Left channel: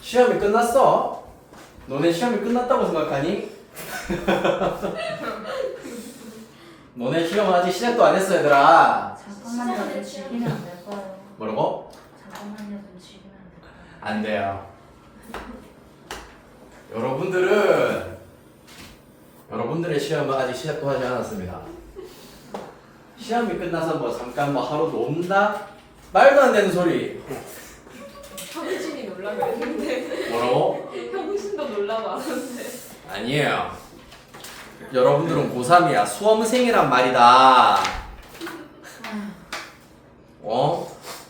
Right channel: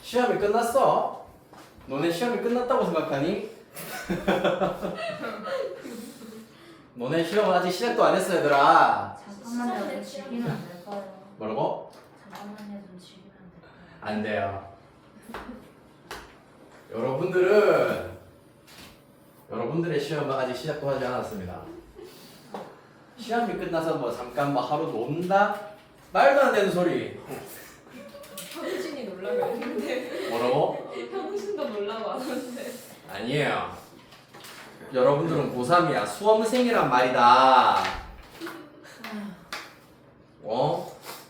시험이 끝났어? 너네 시험이 끝났다고 생각하니? 너네 시험은 아직 시작도 안 했어 얘들아. 잠깐만요, 좀 즐기면 안 될까요? 뭐라고? 잠깐만요, 좀 즐기면 안 될까요? 안 돼요. 여러분들의 시험은 아직 시작도 하지 않았습니다. 시험이 끝나서 뭐 잠깐 뭐 하루 논다? 말도 안 되는 소리. 형신이 놀라고 했는데 뭐라고? 형신도 놀라고 하는데 아니에요. 여러분들은 고3이야. 수험생이란 말이다.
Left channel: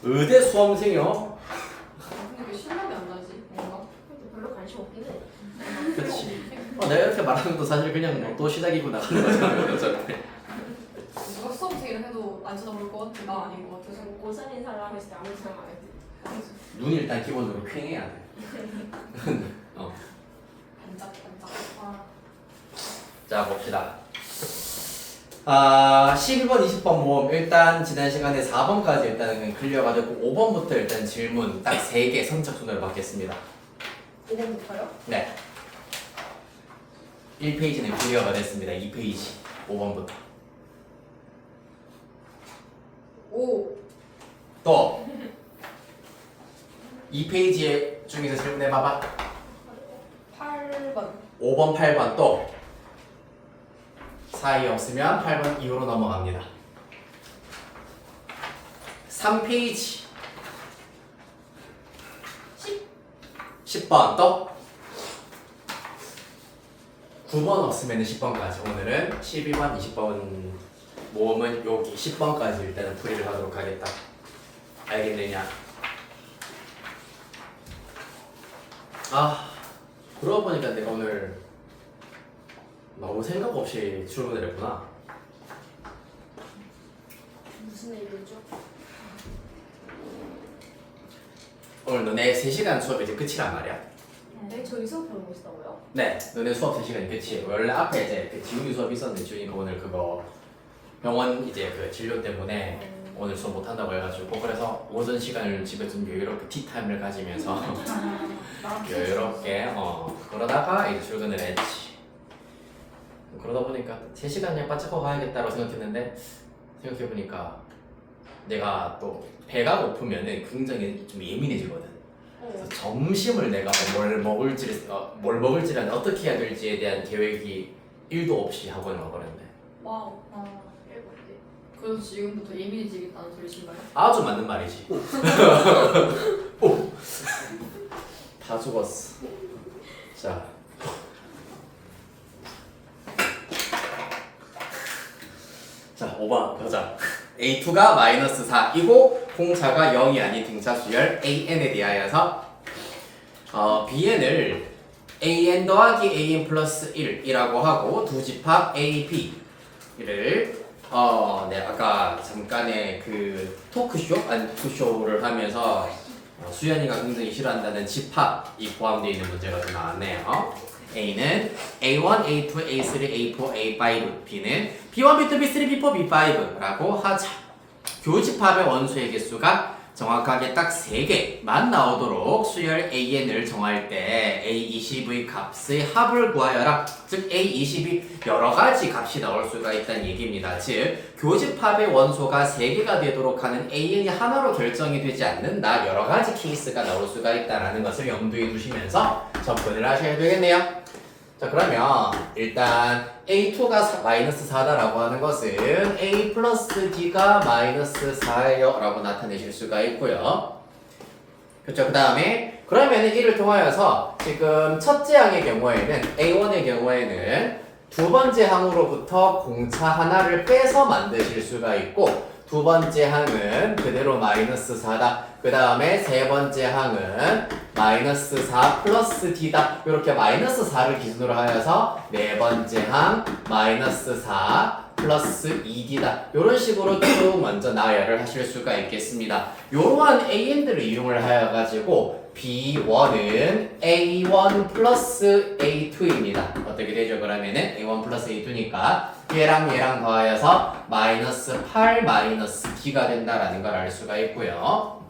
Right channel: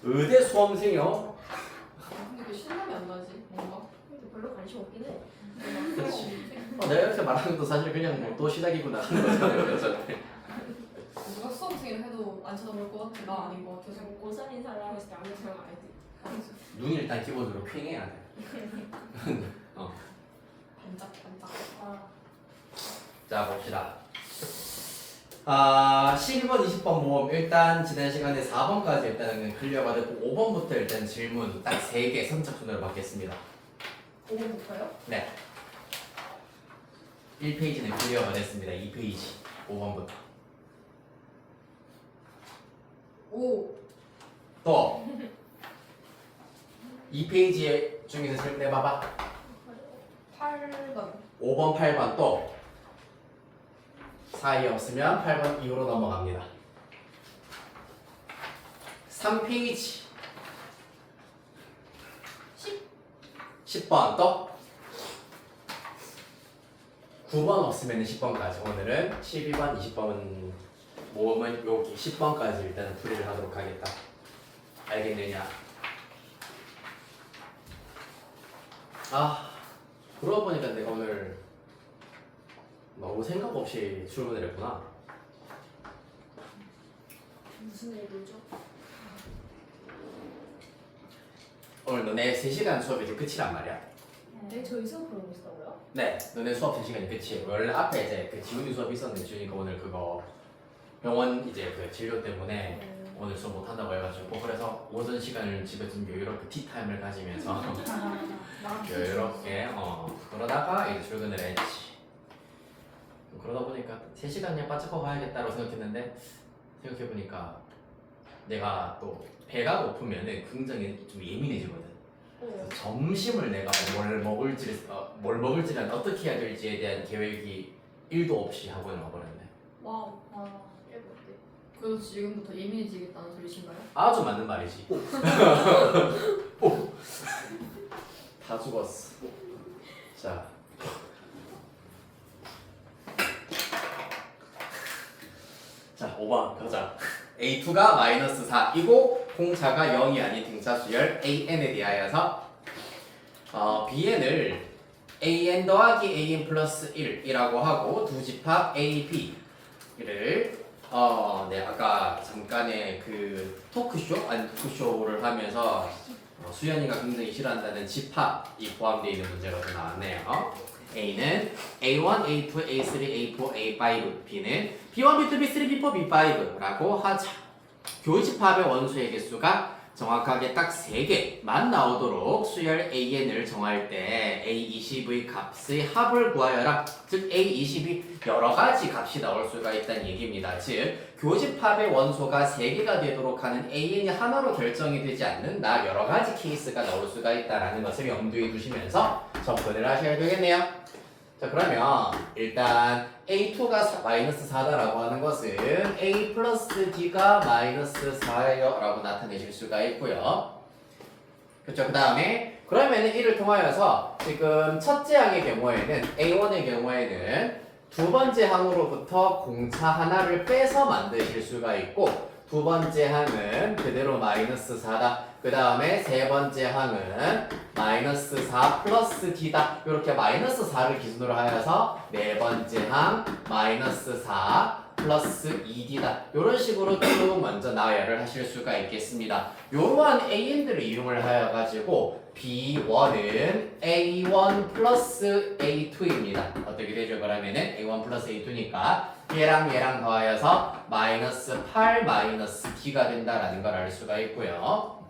의대 수험생이요? 근데 왜 실감이 안 나지? 뭔가? 별로 관심 없긴 해. 그렇지. 내가 이렇게 말하는 것도 사실 그냥 뭐또 시작이고 나가는 거잖아. 누가 수험생이라 해도 안 쳐다볼 것 같아. 나 아닌 것 같아서. 고3인 사람 했을 때 아무 생각 안 했지. 눈이 일단 기본적으로 퀭해야 돼. 반짝반짝. 자 봅시다. 12번, 20번 모음 일단 지난 시간에 4번까지 일단은 클리어가지고 5번부터 일단 질문 딱 3개 선착순으로 받겠습니다. 5번부터요? 네. 1페이지는 클리어가 됐습니다. 2페이지 5번부터. 5. 또 2페이지 중에서 질문해봐봐. 8번. 5번, 8번 또 사이 없으면 8번 이후로 넘어갑니다. 3페이지 10번 또 9번 없으면 10번까지. 오늘은 12번, 20번 모음은 여기 10번까지 일단은 풀이를 하도록 하겠다. 알겠느냐? 그러고 보니까 내가 오늘 너무 생각 없이 출근을 했구나. 무슨 일이죠? 오늘 너네 3시간 수업이 이제 끝이란 말이야. 네, 저희 수업 보는 곳이다고요? 네, 너네 수업 3시간이 끝이에요. 원래 앞에 이제 그 지훈이 수업이 있었는데 지훈이가 오늘 그거 병원 이제 그 진료 때문에 오늘 수업 못 한다고 해가지고 그래서 오전 시간을 집에 좀 여유롭게 티타임을 가지면서 여유롭게 그러다가 이제 출근을 했지. 그러다 보니까 3시간 그냥 바짝하고 가야겠다고 생각했는데 생각해보니까 내가 또 배가 고프면은 굉장히 좀 예민해지거든. 그래서 점심을 내가 뭘 먹을지랑 어떻게 해야 될지에 대한 계획이 1도 없이 학원을 와버렸네. 와우. 일곱대. 그래서 지금부터 예민해지겠다는 소리신가요? 아주 맞는 말이지. 다 죽었어. 자. 자, 5번 가자. A2가 마이너스 4이고 공차가 0이 아닌 등차 수열 AN에 대하여서 BN을 AN 더하기 AN 플러스 1이라고 하고 두 집합 AB를 네, 아까 잠깐의 그 토크쇼를 하면서 수연이가 굉장히 싫어한다는 집합이 포함되어 있는 문제가 좀 나왔네요. A는 A1, A2, A3, A4, A5, B는 B1, B2, B3, B4, B5라고 하자. 교집합의 원소의 개수가 정확하게 딱 3개만 나오도록 수열 AN을 정할 때 A20의 값의 합을 구하여라. 즉 A20이 여러 가지 값이 나올 수가 있다는 얘기입니다. 즉 교집합의 원소가 3개가 되도록 하는 AN이 하나로 결정이 되지 않는다. 여러 가지 케이스가 나올 수가 있다는 것을 염두에 두시면서 접근을 하셔야 되겠네요. 자 그러면 일단 A2가 마이너스 4다라고 하는 것은 A 플러스 D가 마이너스 4예요 라고 나타내실 수가 있고요. 그렇죠. 그 다음에 그러면은 이를 통하여서 지금 첫째 항의 경우에는 A1의 경우에는 두 번째 항으로부터 공차 하나를 빼서 만드실 수가 있고 두 번째 항은 그대로 마이너스 4다. 그 다음에 세 번째 항은 마이너스 4 플러스 D다. 이렇게 마이너스 4를 기준으로 하여서 네 번째 항 마이너스 4 플러스 2D다. 이런 식으로 쭉 먼저 나열을 하실 수가 있겠습니다. 이러한 AN들을 이용을 하여 가지고 B1은 A1 플러스 A2입니다. 어떻게 되죠? 그러면은 A1 플러스 A2니까 얘랑 얘랑 더하여서 마이너스 8 마이너스 D가 된다라는 걸 알 수가 있고요.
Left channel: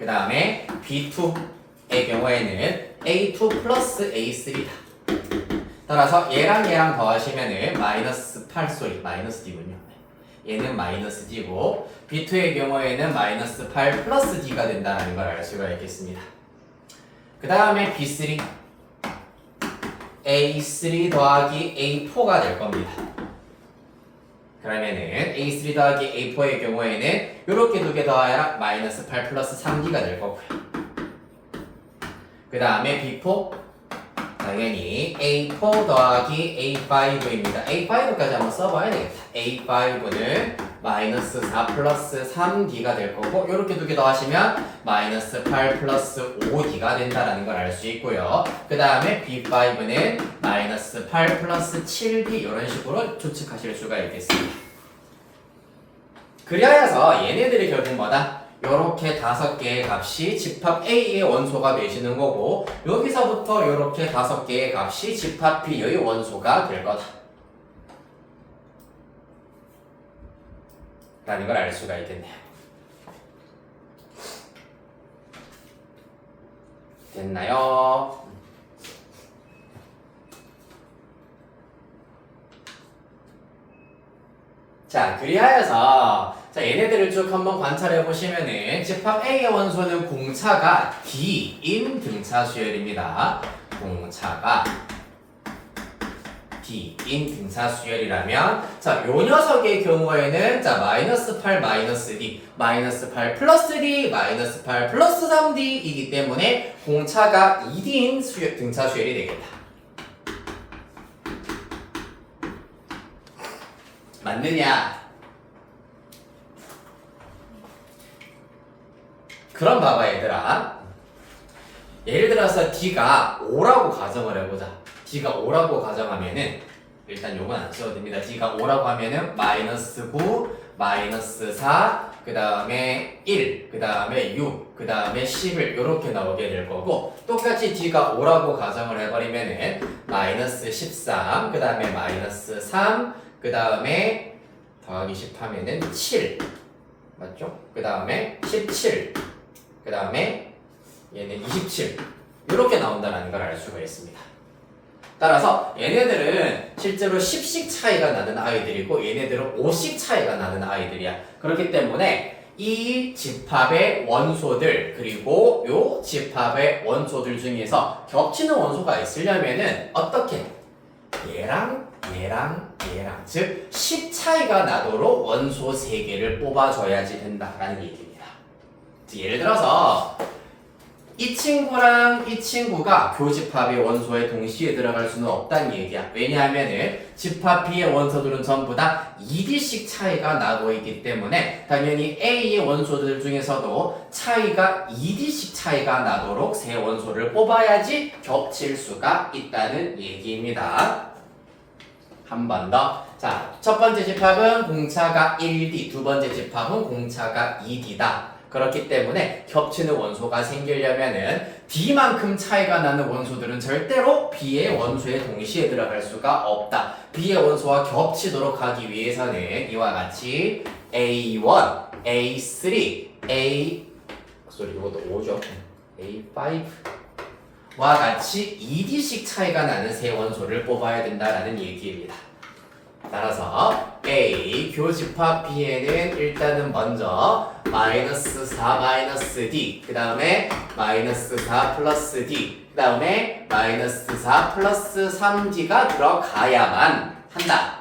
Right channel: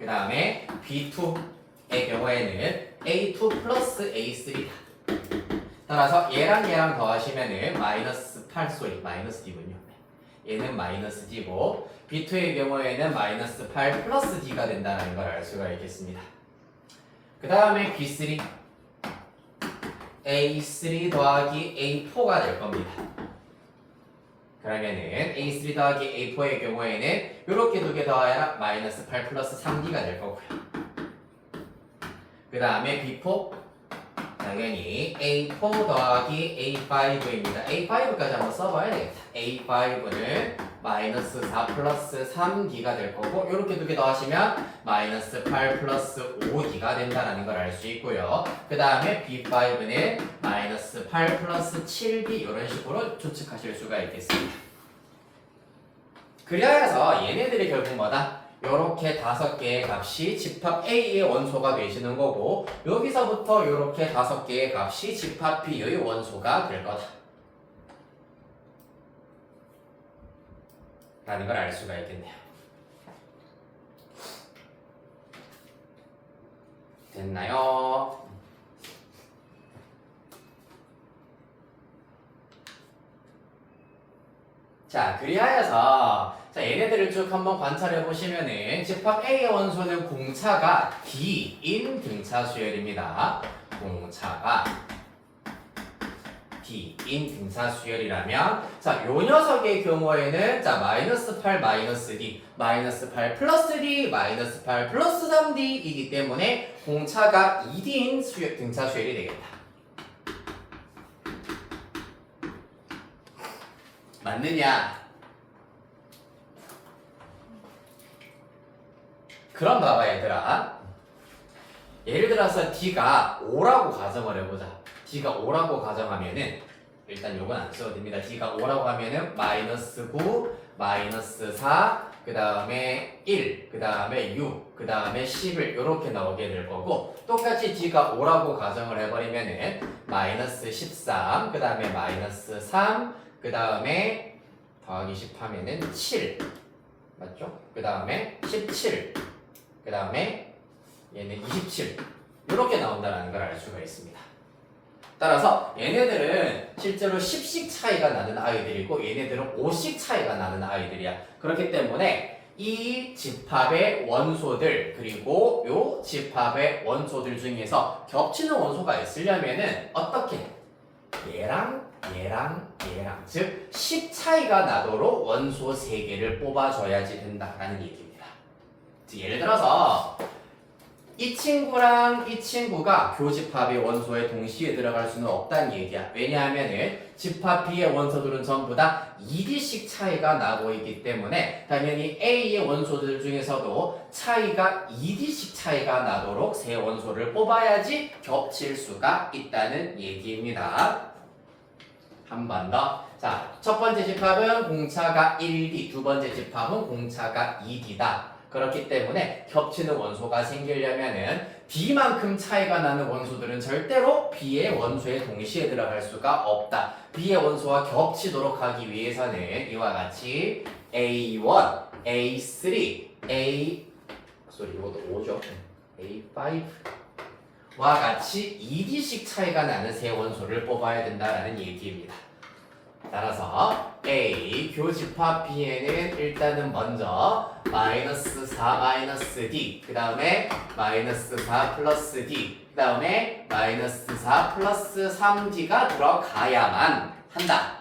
그 다음에 B2의 경우에는 A2 플러스 A3다. 따라서 얘랑 더하시면은 마이너스 8 마이너스 D군요. 얘는 마이너스 D고 B2의 경우에는 마이너스 8 플러스 D가 된다는 걸 알 수가 있겠습니다. 그 다음에 B3 A3 더하기 A4가 될 겁니다. 그러면은 A3 더하기 A4의 경우에는 이렇게 두 개 더하야 마이너스 8 플러스 3D가 될 거고요. 그 다음에 B4 당연히 A4 더하기 A5입니다. A5까지 한번 써봐야 되겠다. A5는 마이너스 4 플러스 3D가 될 거고 이렇게 두 개 더하시면 마이너스 8 플러스 5D가 된다는 걸 알 수 있고요. 그 다음에 B5는 마이너스 8 플러스 7D 이런 식으로 추측하실 수가 있겠습니다. 그리하여서 얘네들이 결국 뭐다? 요렇게 5개의 값이 집합 A의 원소가 되시는 거고 여기서부터 요렇게 5개의 값이 집합 B의 원소가 될 거다 라는 걸 알 수가 있겠네요. 됐나요? 자, 그리하여서 얘네들을 쭉 한번 관찰해 보시면은 집합 A의 원소는 공차가 D인 등차 수열입니다. 공차가 D인 등차 수열이라면 요 녀석의 경우에는 마이너스 8 마이너스 D 마이너스 8 플러스 D 마이너스 8 플러스 3D이기 때문에 공차가 2D인 등차 수열이 되겠다. 맞느냐? 그럼 봐봐 얘들아. 예를 들어서 D가 5라고 가정을 해보자. D가 5라고 가정하면은 일단 요건 안 써도 됩니다. D가 5라고 하면은 마이너스 9, 마이너스 4, 그 다음에 1, 그 다음에 6, 그 다음에 11 이렇게 나오게 될 거고 똑같이 D가 5라고 가정을 해버리면은 마이너스 13, 그 다음에 마이너스 3, 그 다음에 더하기 10 하면은 7 맞죠? 그 다음에 17 그 다음에 얘는 27 이렇게 나온다는 걸 알 수가 있습니다. 따라서 얘네들은 실제로 10씩 차이가 나는 아이들이고 얘네들은 5씩 차이가 나는 아이들이야. 그렇기 때문에 이 집합의 원소들 그리고 요 집합의 원소들 중에서 겹치는 원소가 있으려면은 어떻게? 얘랑 즉 10 차이가 나도록 원소 3개를 뽑아줘야지 된다라는 얘기입니다. 예를 들어서 이 친구랑 이 친구가 교집합의 원소에 동시에 들어갈 수는 없다는 얘기야. 왜냐하면은 집합 B의 원소들은 전부 다 2D씩 차이가 나고 있기 때문에 당연히 A의 원소들 중에서도 차이가 2D씩 차이가 나도록 세 원소를 뽑아야지 겹칠 수가 있다는 얘기입니다. 한 번 더. 자, 첫 번째 집합은 공차가 1D, 두 번째 집합은 공차가 2D다. 그렇기 때문에 겹치는 원소가 생기려면은 D만큼 차이가 나는 원소들은 절대로 B의 원소에 동시에 들어갈 수가 없다. B의 원소와 겹치도록 하기 위해서는 이와 같이 A1, A3, 이것도 5죠. A5와 같이 2D씩 차이가 나는 세 원소를 뽑아야 된다라는 얘기입니다. 따라서 A 교집합 B에는 일단은 먼저 마이너스 4 마이너스 D 그 다음에 마이너스 4 플러스 D 그 다음에 마이너스 4 플러스 3D가 들어가야만 한다.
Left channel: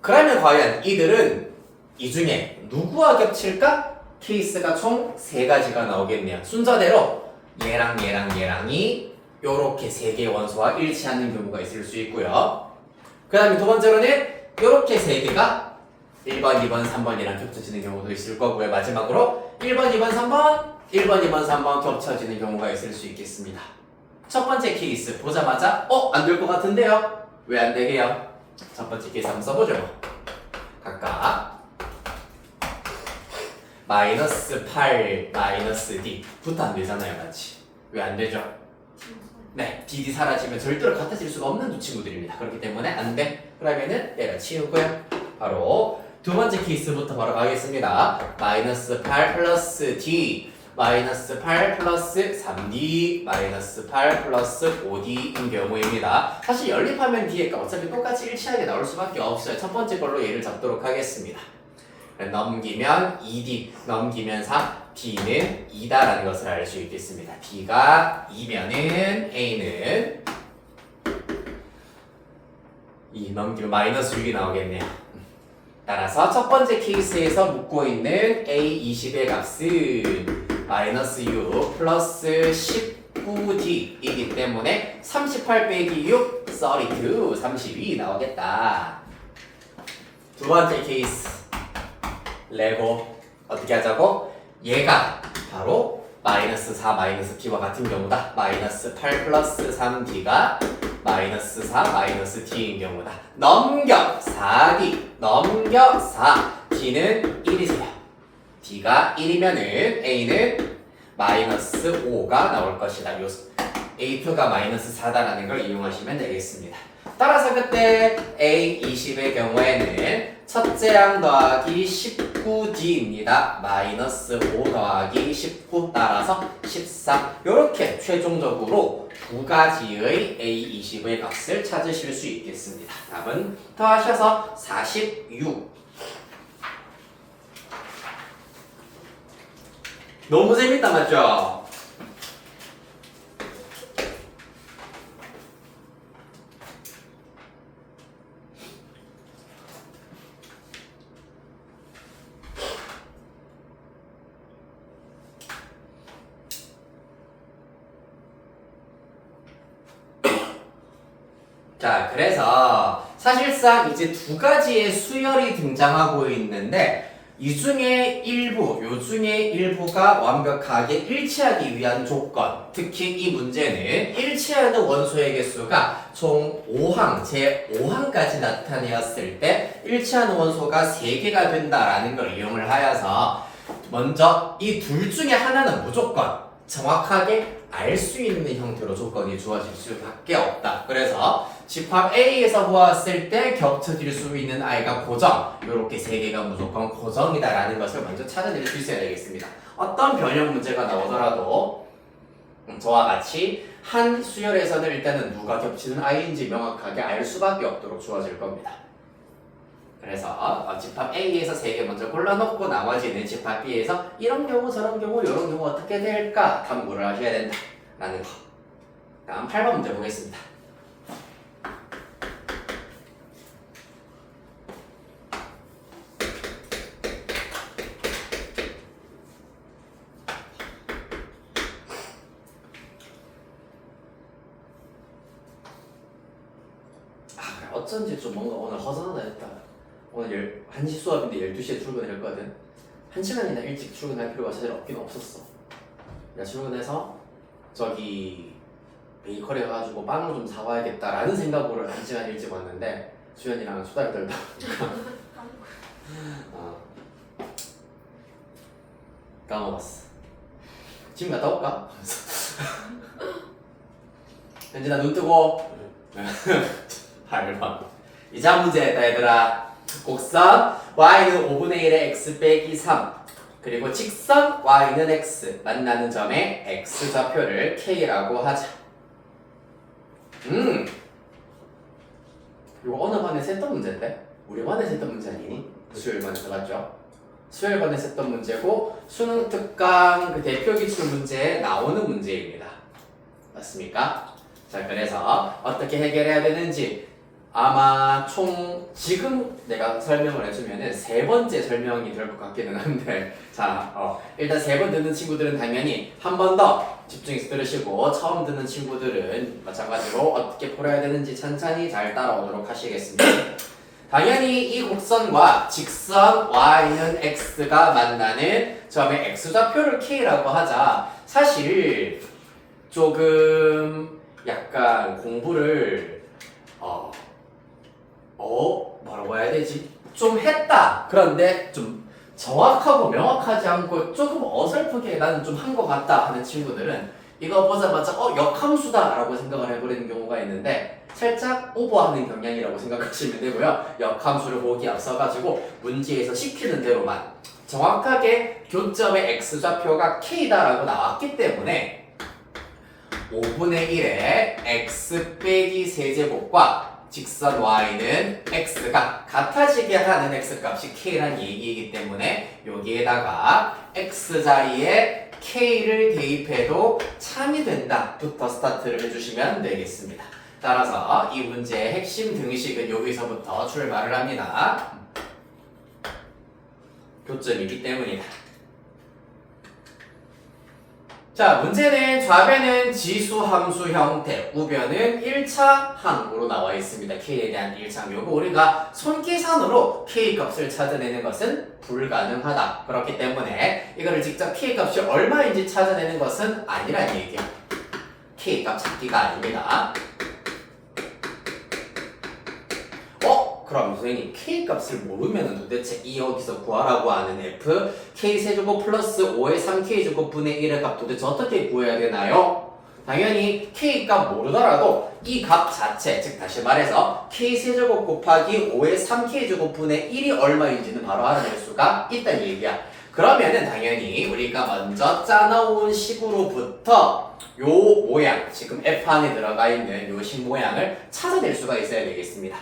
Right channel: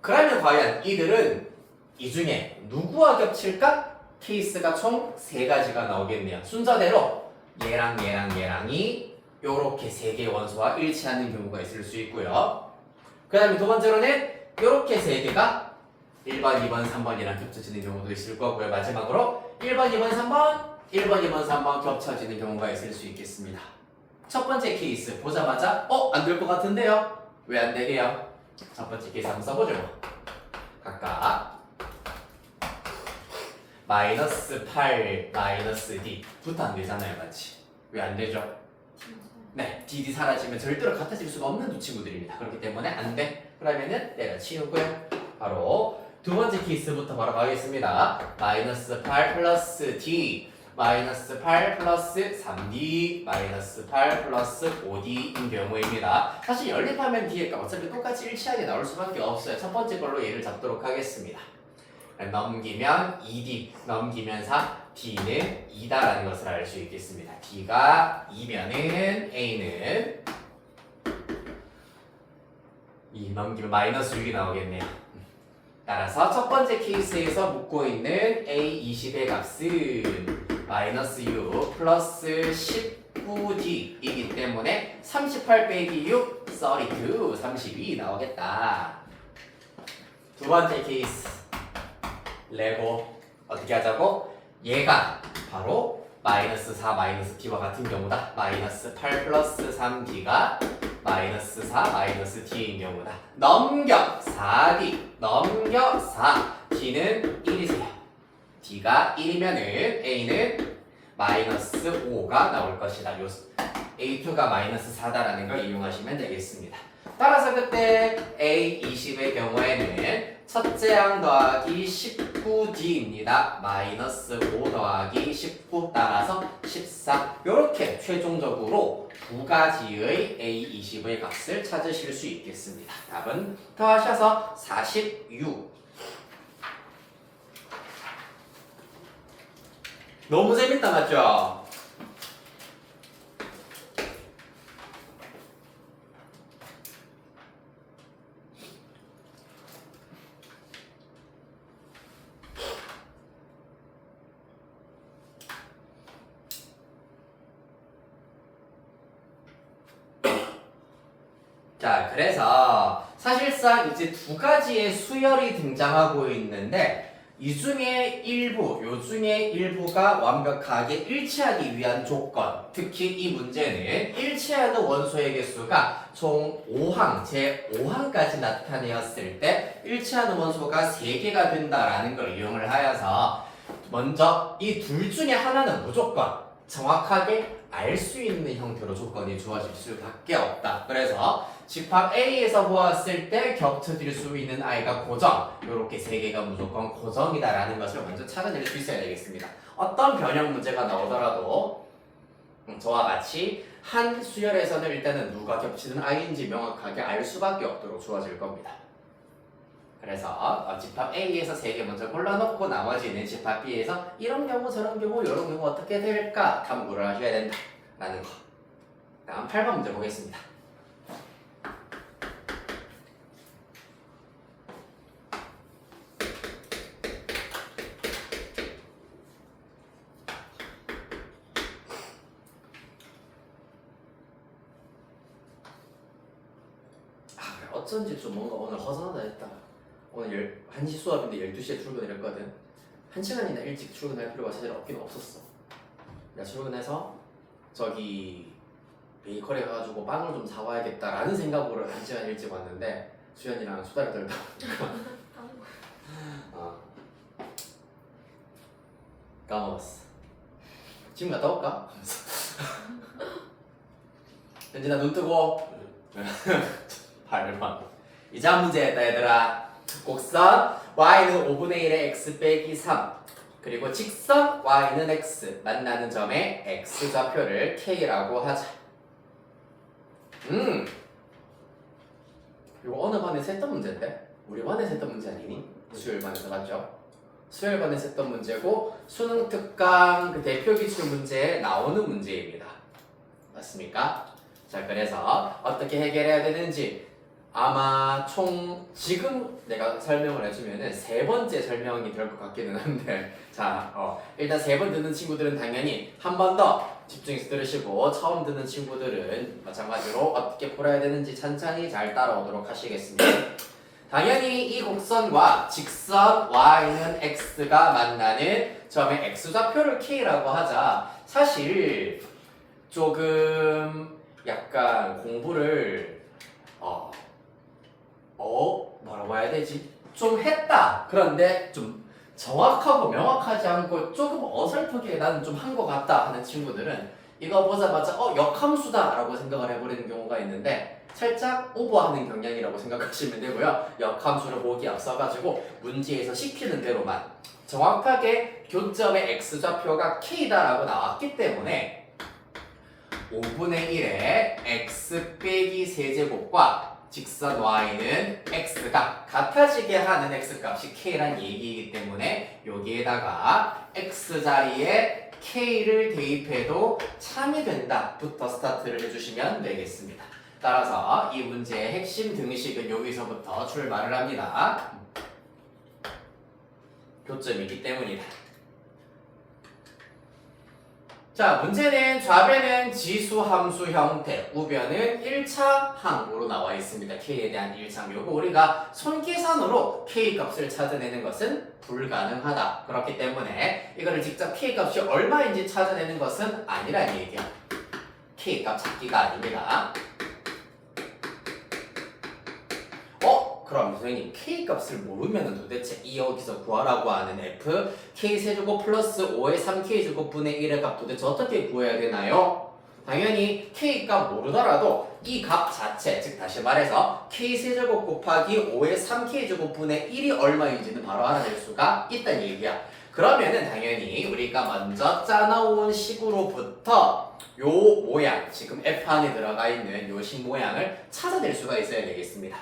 그러면 과연 이들은 이 중에 누구와 겹칠까? 케이스가 총 3가지가 나오겠네요. 순서대로 얘랑이 요렇게 3개의 원소와 일치하는 경우가 있을 수 있고요. 그 다음에 두 번째로는 요렇게 3개가 1번, 2번, 3번이랑 겹쳐지는 경우도 있을 거고요. 마지막으로 1번, 2번, 3번 겹쳐지는 경우가 있을 수 있겠습니다. 첫 번째 케이스 보자마자 안 될 것 같은데요? 왜 안 되게요? 첫 번째 케이스 한번 써보죠. 각각 마이너스 8, 마이너스 D 부터 안 되잖아요. 맞지? 왜 안 되죠? 네, DD 사라지면 절대로 같아질 수가 없는 두 친구들입니다. 그렇기 때문에 안 돼. 그러면은 내가 치우고요. 바로 두 번째 케이스부터 바로 가겠습니다. 마이너스 8 플러스 d 마이너스 8 플러스 3d 마이너스 8 플러스 5d인 경우입니다. 사실 연립하면 d의 값 어차피 똑같이 일치하게 나올 수밖에 없어요. 첫 번째 걸로 얘를 잡도록 하겠습니다. 넘기면 2d 넘기면 4 d는 2다라는 것을 알 수 있겠습니다. d가 2면은 a는 2 넘기면 마이너스 6이 나오겠네요. 따라서 첫 번째 케이스에서 묻고 있는 A20의 값은 마이너스 6 플러스 19D이기 때문에 38 빼기 6, 32, 32 나오겠다. 두 번째 케이스 레고 어떻게 하자고? 얘가 바로 마이너스 4 마이너스 D와 같은 경우다. 마이너스 8 플러스 3D가 마이너스 4 마이너스 D인 경우다. 넘겨 4D 넘겨 4 D는 1이세요. D가 1이면은 A는 마이너스 5가 나올 것이다. 요 A2가 마이너스 4다라는 걸 이용하시면 되겠습니다. 따라서 그때 A20의 경우에는 첫째 항 더하기 19D입니다. 마이너스 5 더하기 19 따라서 14. 이렇게 최종적으로 두 가지의 A20의 값을 찾으실 수 있겠습니다. 답은 더하셔서 46. 너무 재밌다 맞죠? 자, 그래서 사실상 이제 두 가지의 수열이 등장하고 있는데 이 중에 일부, 요 중에 일부가 완벽하게 일치하기 위한 조건, 특히 이 문제는 일치하는 원소의 개수가 총 5항, 제 5항까지 나타내었을 때 일치하는 원소가 3개가 된다라는 걸 이용을 하여서 먼저 이 둘 중에 하나는 무조건 정확하게 알 수 있는 형태로 조건이 주어질 수밖에 없다. 그래서 집합 A에서 보았을 때 겹쳐질 수 있는 I가 고정, 이렇게 3개가 무조건 고정이다라는 것을 먼저 찾아낼 수 있어야 되겠습니다. 어떤 변형 문제가 나오더라도 저와 같이 한 수열에서는 일단은 누가 겹치는 I인지 명확하게 알 수밖에 없도록 주어질 겁니다. 그래서 집합 A에서 3개 먼저 골라놓고 나머지는 집합 B에서 이런 경우 저런 경우 이런 경우 어떻게 될까 탐구를 하셔야 된다라는 거. 다음 8번 문제 보겠습니다. 어쩐지 좀 뭔가 오늘 허전하다 했다. 오늘 1시 수업인데 12시에 출근을 했거든. 1시간이나 일찍 출근할 필요가 사실 없긴 없었어. 내가 출근해서 저기 베이커리 가가지고 빵을 좀 사와야겠다라는 생각으로 1시간 일찍 왔는데 수연이랑 수다를 떨다 까먹었어. 지금 갔다 올까? 현진아 눈 뜨고 발만. 이장 문제다 얘들아. 곡선 y는 5분의 1의 x 빼기 3 그리고 직선 y는 x 만나는 점의 x 좌표를 k라고 하자. 이거 어느 반에서 했던 문제인데? 우리 반에서 했던 문제 아니니? 수요일 반에서 맞죠? 수요일 반에서 했던 문제고 수능 특강 그 대표 기출 문제에 나오는 문제입니다. 맞습니까? 자, 그래서 어떻게 해결해야 되는지 아마 총 지금 내가 설명을 해주면은 3번째 설명이 될 것 같기는 한데 자, 일단 3번 듣는 친구들은 당연히 한 번 더 집중해서 들으시고 처음 듣는 친구들은 마찬가지로 어떻게 풀어야 되는지 천천히 잘 따라오도록 하시겠습니다. 당연히 이 곡선과 직선 y는 x가 만나는 점의 x좌표를 k라고 하자. 사실 조금 약간 공부를 뭐라고 해야 되지? 좀 했다. 그런데 좀 정확하고 명확하지 않고 조금 어설프게 나는 좀 한 것 같다 하는 친구들은 이거 보자마자 역함수다 라고 생각을 해버리는 경우가 있는데 살짝 오버하는 경향이라고 생각하시면 되고요. 역함수를 보기 앞서가지고 문제에서 시키는 대로만 정확하게 교점의 x좌표가 k다라고 나왔기 때문에 5분의 1의 x 빼기 세제곱과 직선 y는 x가 같아지게 하는 x값이 k란 얘기이기 때문에 여기에다가 x자리에 k를 대입해도 참이 된다부터 스타트를 해주시면 되겠습니다. 따라서 이 문제의 핵심 등식은 여기서부터 출발을 합니다. 교점이기 때문이다. 자, 문제는 좌변은 지수 함수 형태, 우변은 1차 항으로 나와 있습니다. k에 대한 1차 요거 우리가 손계산으로 k 값을 찾아내는 것은 불가능하다. 그렇기 때문에 이거를 직접 k 값이 얼마인지 찾아내는 것은 아니란 얘기야. k 값 찾기가 아닙니다. 그럼 선생님 k 값을 모르면 도대체 이 여기서 구하라고 하는 f k 세제곱 플러스 5의 3k 제곱분의 1의 값 도대체 어떻게 구해야 되나요? 당연히 k 값 모르더라도 이 값 자체, 즉 다시 말해서 k 세제곱 곱하기 5의 3k 제곱분의 1이 얼마인지는 바로 알아낼 수가 있다는 얘기야. 그러면은 당연히 우리가 먼저 짜놓은 식으로부터 요 모양, 지금 f 안에 들어가 있는 요 식 모양을 찾아낼 수가 있어야 되겠습니다.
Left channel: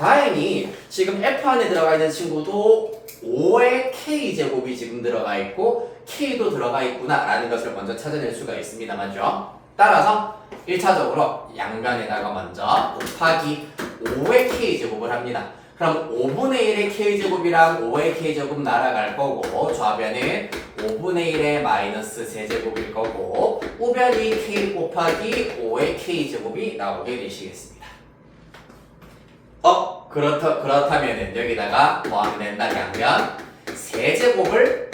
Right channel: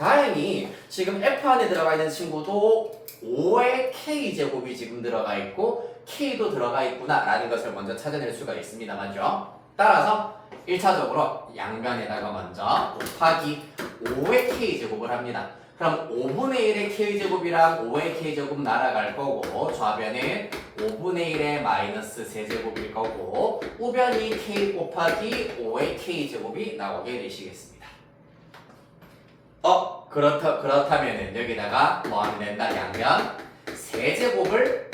다행히 지금 f 안에 들어가 있는 친구도 5의 k제곱이 지금 들어가 있고 k도 들어가 있구나 라는 것을 먼저 찾아낼 수가 있습니다. 맞죠? 따라서 1차적으로 양변에다가 먼저 곱하기 5의 k제곱을 합니다. 그럼 5분의 1의 k제곱이랑 5의 k제곱 날아갈 거고 좌변은 5분의 1의 마이너스 세제곱일 거고 우변이 k 곱하기 5의 k제곱이 나오게 되시겠습니다. 그렇다면은 여기다가 뭐 하면 된다? 양변 세제곱을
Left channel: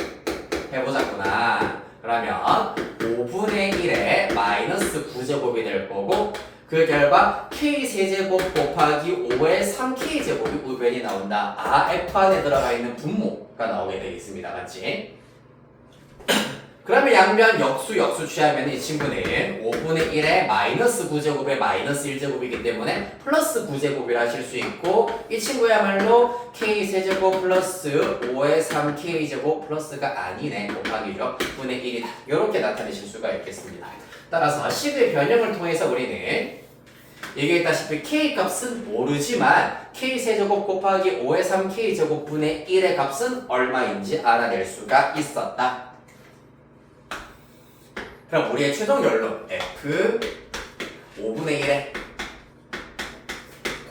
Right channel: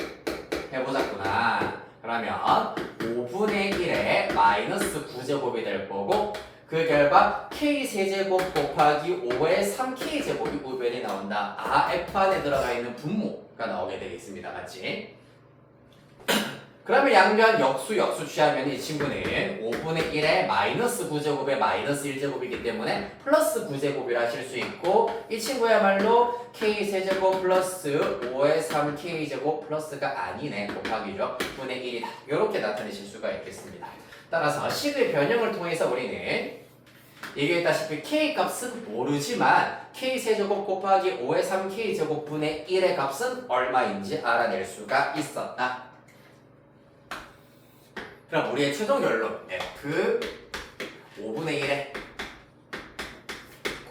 해보자꾸나. 그러면 5분의 1의 마이너스 9제곱이 될 거고 그 결과 k 세제곱 곱하기 5의 3k 제곱이 우변이 나온다. f 안에 들어가 있는 분모가 나오게 되겠습니다. 맞지? 그러면 양변 역수 취하면 이 친구는 5분의 1의 마이너스 9제곱의 마이너스 1제곱이기 때문에 플러스 9제곱이라 하실 수 있고 이 친구야말로 k세제곱 플러스 5의 3k제곱 플러스가 아니네 곱하기죠. 9분의 1이다. 이렇게 나타내실 수가 있겠습니다. 따라서 식의 변형을 통해서 우리는 얘기했다시피 k값은 모르지만 k세제곱 곱하기 5의 3k제곱분의 1의 값은 얼마인지 알아낼 수가 있었다. 그럼 우리의 최종 결론 f 5분의 1의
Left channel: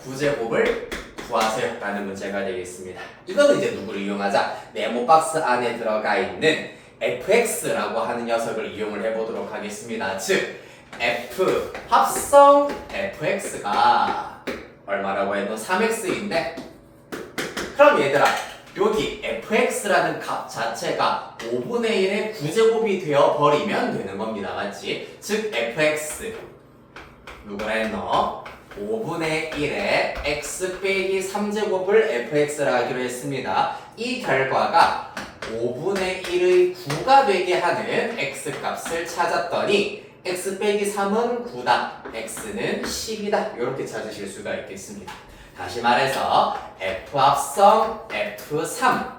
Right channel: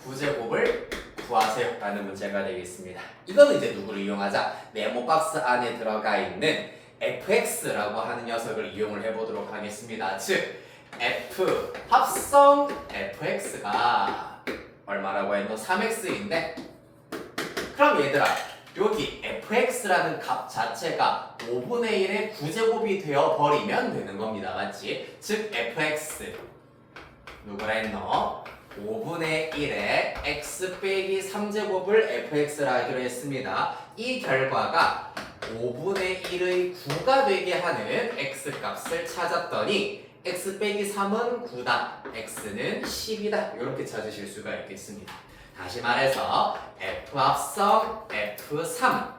9제곱을 구하세요 라는 문제가 되겠습니다. 이거는 이제 누구를 이용하자? 네모 박스 안에 들어가 있는 fx라고 하는 녀석을 이용을 해보도록 하겠습니다. 즉 f 합성 fx가 얼마라고 했노? 3x인데 그럼 얘들아 여기 fx라는 값 자체가 5분의 1의 9제곱이 되어버리면 되는 겁니다. 맞지? 즉 fx 누구라 했노? 5분의 1의 x 빼기 3제곱을 fx라 하기로 했습니다. 이 결과가 5분의 1의 9가 되게 하는 x값을 찾았더니 x 빼기 3은 9다. x는 10이다. 이렇게 찾으실 수가 있겠습니다. 다시 말해서 f 합성 f3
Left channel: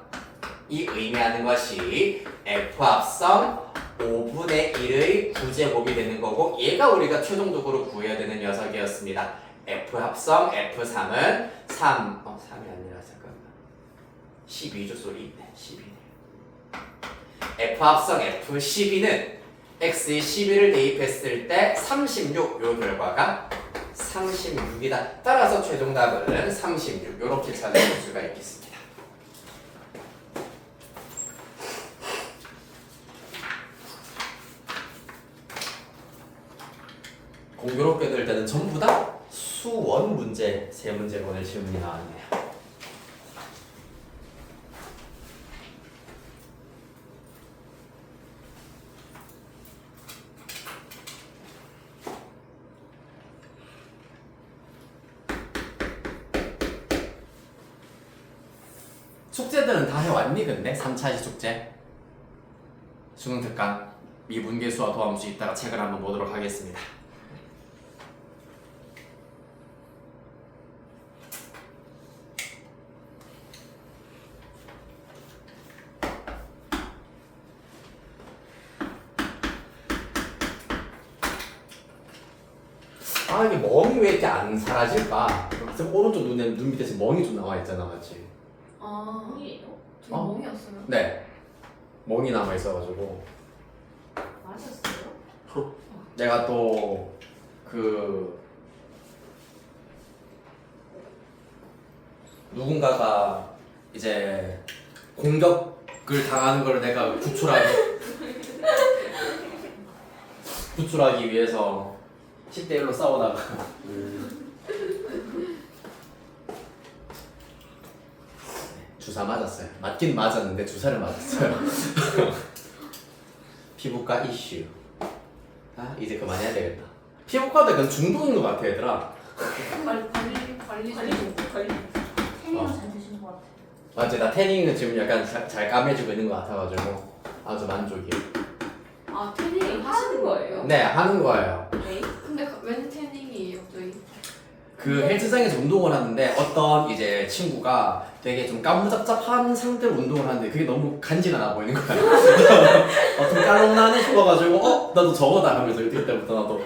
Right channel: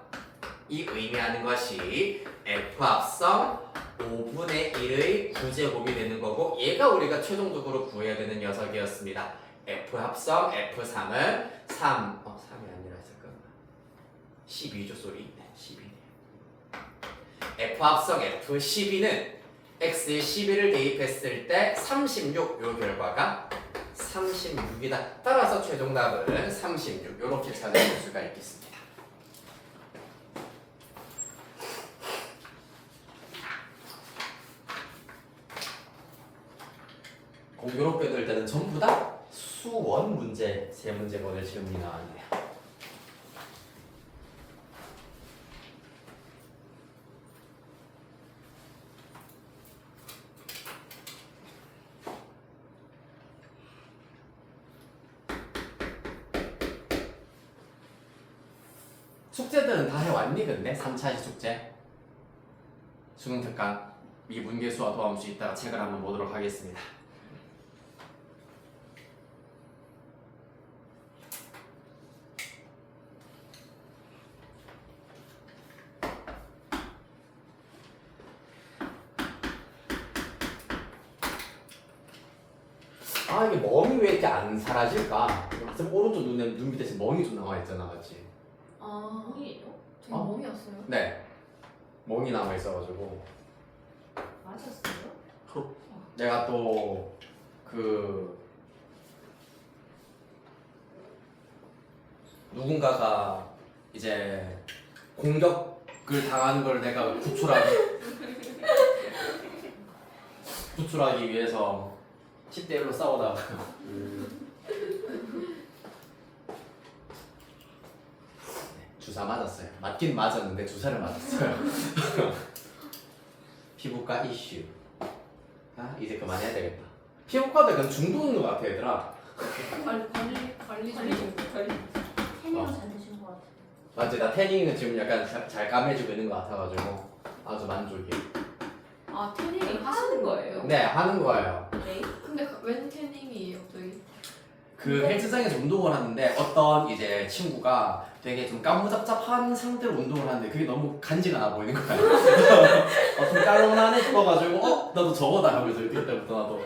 이 의미하는 것이 f 합성 5분의 1의 9제곱이 되는 거고 얘가 우리가 최종적으로 구해야 되는 녀석이었습니다. f 합성 f3은 3이 아니라 잠깐만 12죠 소리 12 f 합성 f12는 x에 12를 대입했을 때 36 요 결과가 36이다. 따라서 최종 답은 36 이렇게 찾아볼 수가 있겠습니다. 공교롭게 될 때는 전부 다 수원 문제 3문제 보낼 질문이 나왔네요. 숙제들은 다 해왔니 근데? 3차시 숙제? 수능 특강 미분계수와 도함수 이따가 책을 한번 보도록 하겠습니다. 아 이게 멍이 왜 이렇게 안 사라질까? 지금 오른쪽 눈 밑에 지금 멍이 좀 나와 있잖아, 맞지? 아, 아니에요? 되게 어? 멍이었어요. 네, 멍이 남아 있어가지고 마셨어요? 내가 또 그 누군가가 이제 공격을 당하는 걸 내가 구출하기 위해서 10대 1로 싸우다가 주사 맞았어요. 맞긴 맞았는데 주사를 맞았어요. 피부과 이슈. 아 이제 그만해야 되겠다. 피부과도 약간 중독인 것 같아 얘들아. 관리 관리 좀. 좀 관리. 태닝을 잘 드시는 것 같아요. 맞지? 나 태닝은 지금 약간 잘 까매지고 있는 것 같아가지고 아주 만족이에요. 아, 태닝을 하시는 거예요? 네 하는 거예요. 네. 근데 웬 태닝이에요, 저희? 그 헬스장에서 운동을 하는데 어떤 이제 친구가 되게 좀 까무잡잡한 상태로 운동을 하는데 그게 너무 간지나나 보이는 거야. 좀 깔롱나네 싶어가지고 나도 저거다 하면서 그때부터 나도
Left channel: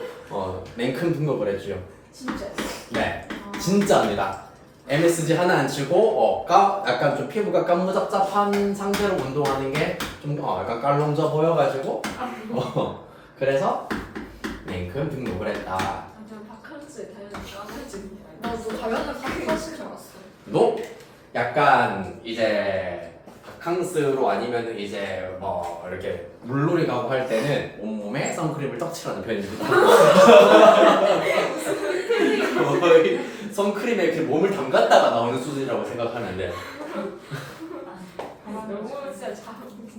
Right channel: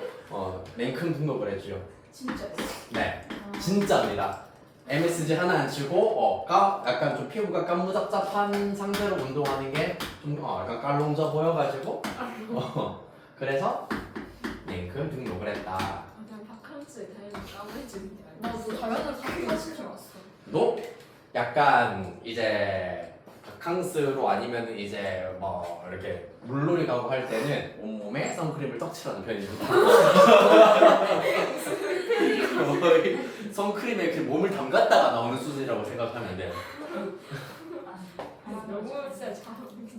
냉큼 등록을 했죠. 진짜요? 네 진짜입니다. MSG 하나 안 치고 약간 좀 피부가 까무잡잡한 상태로 운동하는 게 좀 약간 깔롱져 보여가지고 그래서 냉큼 등록을 했다. 아, 저는 바캉스에 다녀서 까매지는 게 아니에요. 나도 당연히 하신 줄 알았어. 너 약간 이제 바캉스로 아니면 이제 뭐 이렇게 물놀이 가고 할 때는 온몸에 선크림을 떡칠하는 편입니다. 선크림에 이렇게 몸을 담갔다가 나오는 수준이라고 생각하면 돼요. 너무 진짜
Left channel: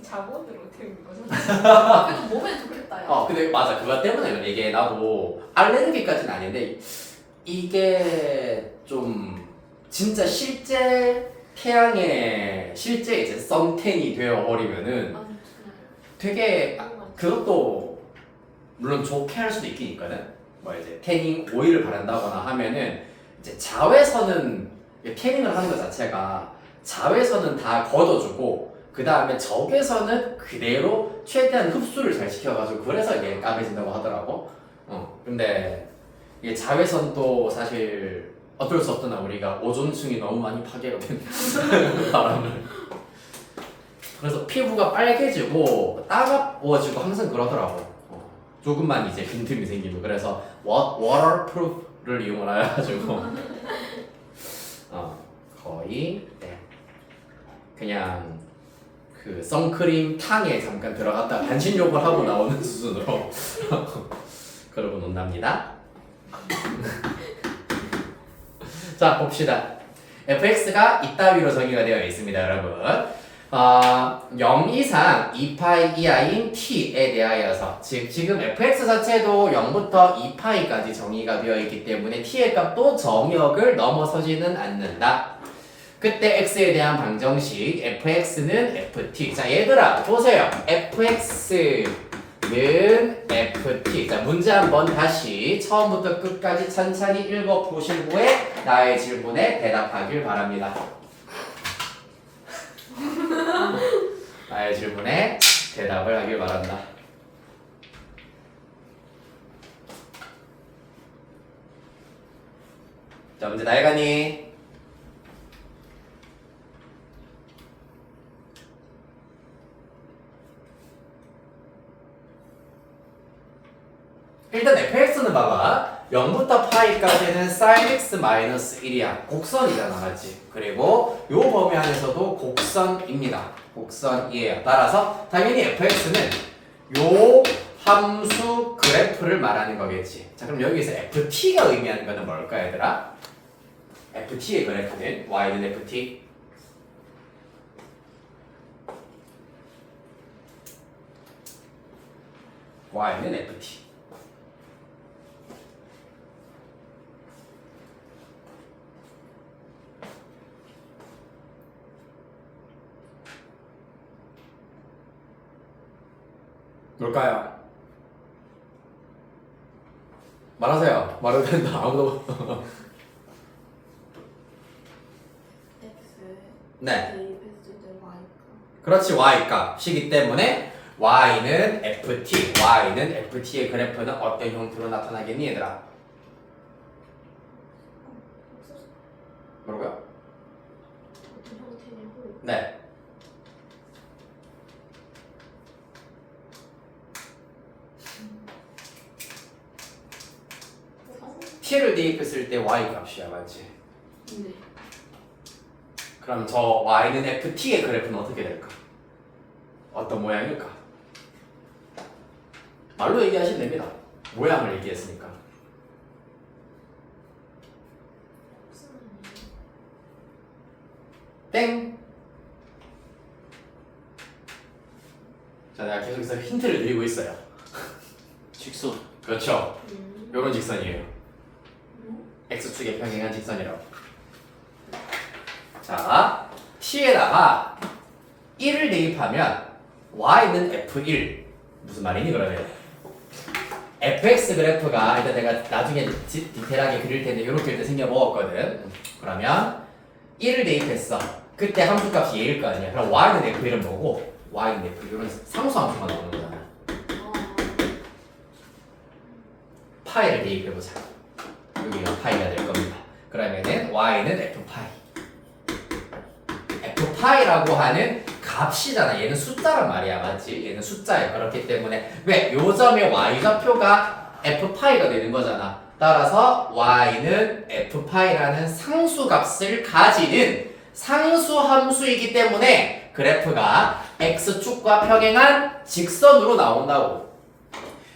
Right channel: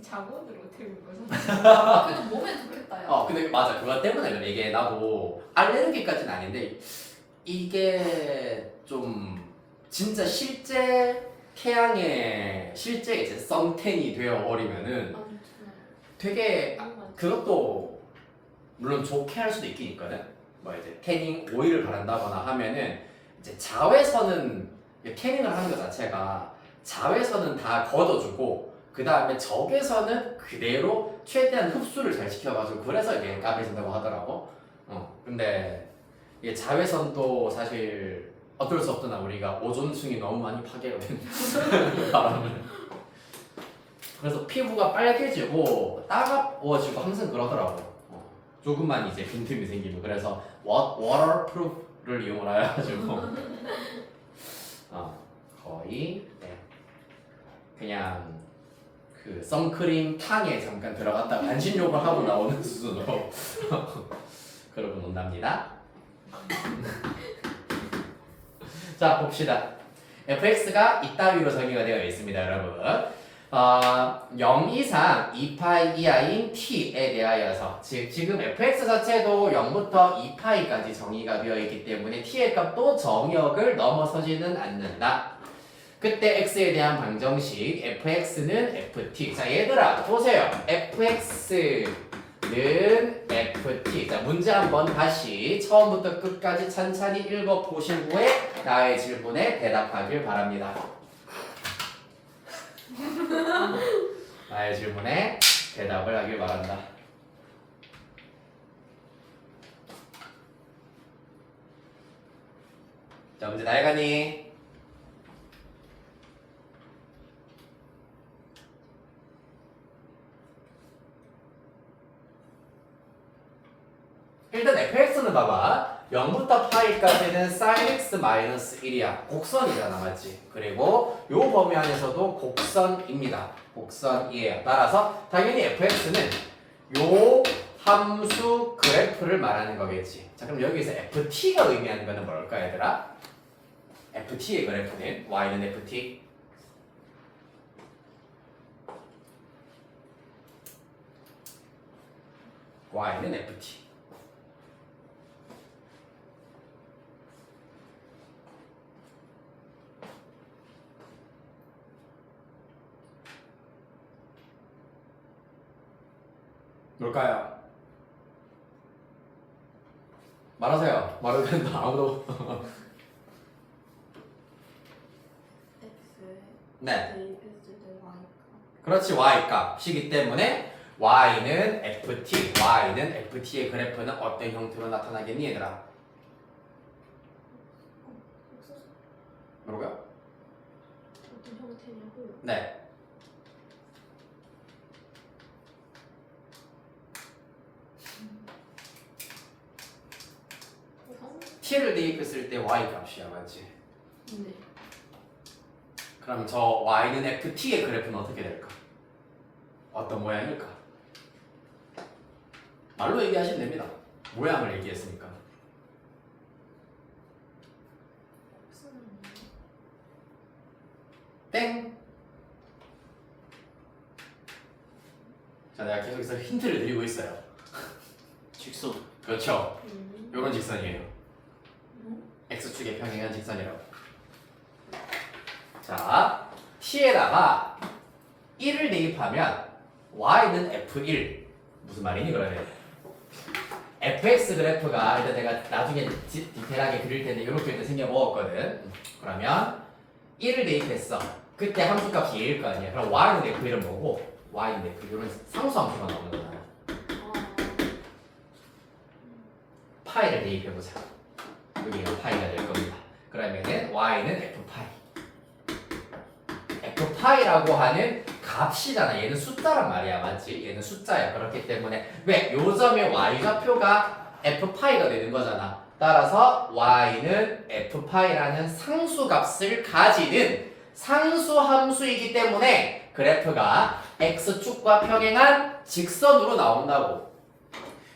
자본으로 태우는 거죠. 그래도 몸에 좋겠다. 야. 근데 맞아 그거 때문에 이게 나도 알레르기까지는 아닌데 이게 좀 진짜 실제 태양에 실제 이제 선텐이 되어 버리면은 아, 되게 그것도 물론 좋게 할 수도 있긴 있거든. 뭐 이제 태닝 오일을 바른다거나 하면은 이제 자외선은 태닝을 하는 것 자체가 자외선은 다 걷어주고 그 다음에 적외선은 그대로 최대한 흡수를 잘 시켜가지고 그래서 이게 까매진다고 하더라고. 근데 이게 자외선도 사실 어쩔 수 없잖아. 우리가 오존층이 너무 많이 파괴가 된 바람을. 그래서 피부가 빨개지고 따가워지고 항상 그러더라고. 조금만 이제 빈틈이 생기면 그래서 워터프루프를 이용을 해가지고 거의 네. 그냥 그 선크림 탕에 잠깐 들어갔다 반신욕을 하고 나오는 수준으로 그러고 논답니다. 자 봅시다. fx가 이따위로 정의가 되어 있습니다, 여러분. 0 이상 2파이 이하인 t에 대하여서 즉 지금 fx 자체도 0부터 2파이까지 정의가 되어 있기 때문에 t의 값도 정역을 넘어서지는 않는다. 그때 x에 대한 방정식 fx는 ft. 자 얘들아 보세요. fx는 ft. 자 문제 한번 다시 처음부터 끝까지 천천히 읽어보신 후에 나의 질문에 대답하길 바랍니다. 나의 질문에 대답을 하길 바란다. 자 문제 다 해가니? 일단 fx는 봐봐 0부터 파이까지는 sin x 마이너스 1이야 곡선이잖아 맞지? 그리고 요 범위 안에서도 곡선입니다 곡선이에요. 따라서 당연히 fx는 요 함수 그래프를 말하는 거겠지. 자 그럼 여기서 ft가 의미하는 거는 뭘까 얘들아? ft의 그래프는 y는 ft y는 ft 뭘까요? 말하세요. 말해도 된다. 아무도. X 네. 대입했을 때 Y가 그렇지. y 값이기 때문에 y는 ft, y는 ft의 그래프는 어떤 형태로 나타나겠니 얘들아? 뭐라고요? 어떤 형태냐고. 네. t를 대입했을 때 y 값이야, 맞지? 네. 그럼 저 y는 ft의 그래프는 어떻게 될까? 어떤 모양일까? 말로 얘기하시면 됩니다. 모양을 얘기했으니까. 땡! 자, 내가 계속해서 힌트를 드리고 있어요. 직선. 그렇죠. 요런 직선이에요. x축의 평행한 직선이라고. 자, t에다가 1을 대입하면 y는 f1. 무슨 말이니 그러면? fx 그래프가 일단 내가 나중에 디테일하게 그릴 텐데 이렇게 일단 생겨 먹었거든. 그러면 1을 대입했어. 그때 함수값이 얘일 거 아니야. 그럼 y는 f1은 뭐고 y는 f 이런 상수 함수가 나오는 거잖아. 파이를 대입해보자. 여기가 파이가 될 겁니다. 그러면은 y는 f파이. f파이라고 하는 값이잖아. 얘는 숫자란 말이야, 맞지? 얘는 숫자야. 그렇기 때문에 왜? 요 점의 y좌표가 f파이가 되는 거잖아. 따라서 y는 f파이라는 상수값을 가지는 상수함수이기 때문에 그래프가 x축과 평행한 직선으로 나온다고.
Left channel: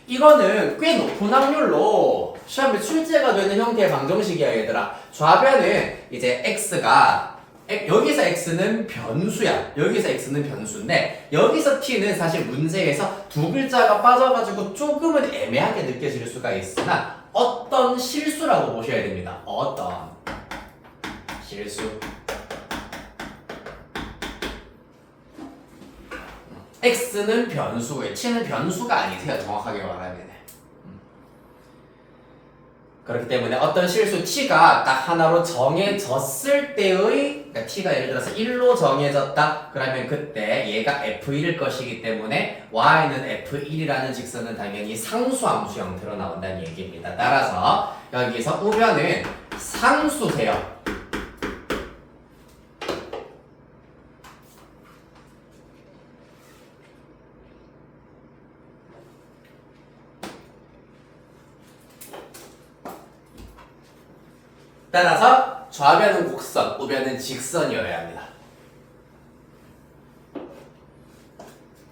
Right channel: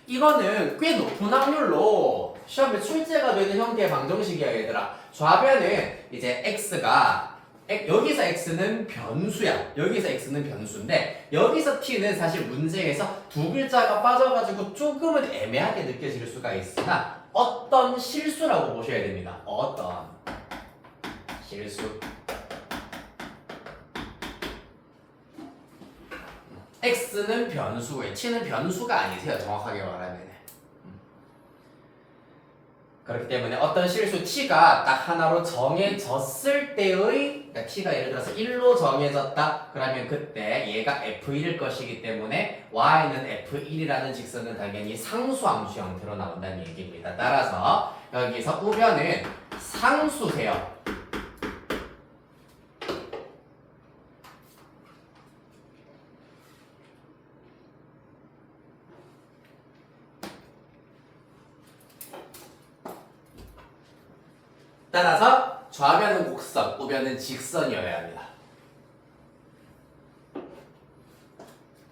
이거는 꽤 높은 확률로 시험에 출제가 되는 형태의 방정식이야, 얘들아. 좌변은 이제 x가 여기서 x는 변수야. 여기서 x는 변수인데 여기서 t는 사실 문제에서 두 글자가 빠져가지고 조금은 애매하게 느껴질 수가 있으나 어떤 실수라고 보셔야 됩니다. 어떤 실수. x는 변수고요. t는 변수가 아니세요. 정확하게 말하면. 그렇기 때문에 어떤 실수 t가 딱 하나로 정해졌을 때의, 그러니까 t가 예를 들어서 1로 정해졌다. 그러면 그때 얘가 f1일 것이기 때문에 y는 f1이라는 직선은 당연히 상수함수 형태로 나온다는 얘기입니다. 따라서 여기서 우변은 상수세요. 따라서 좌변은 곡선, 우변은 직선이어야 합니다.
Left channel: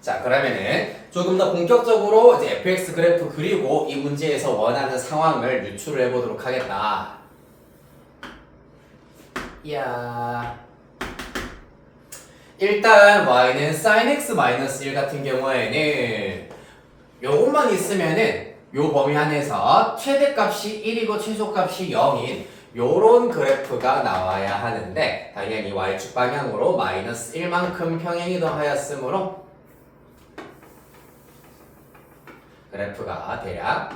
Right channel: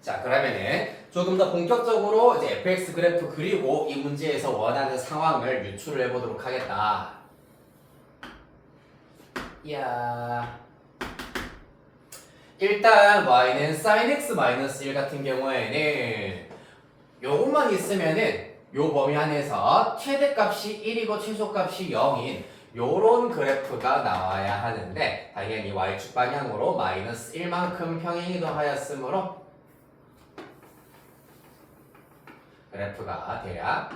자, 그러면은 조금 더 본격적으로 이제 fx 그래프 그리고 이 문제에서 원하는 상황을 유출을 해보도록 하겠다. 이야. 일단 y는 sin x 1 같은 경우에는 요것만 있으면은 요 범위 안에서 최대값이 1이고 최소값이 0인 요런 그래프가 나와야 하는데 당연히 y축 방향으로 마이너스 1만큼 평행이 더하였으므로 그래프가 대략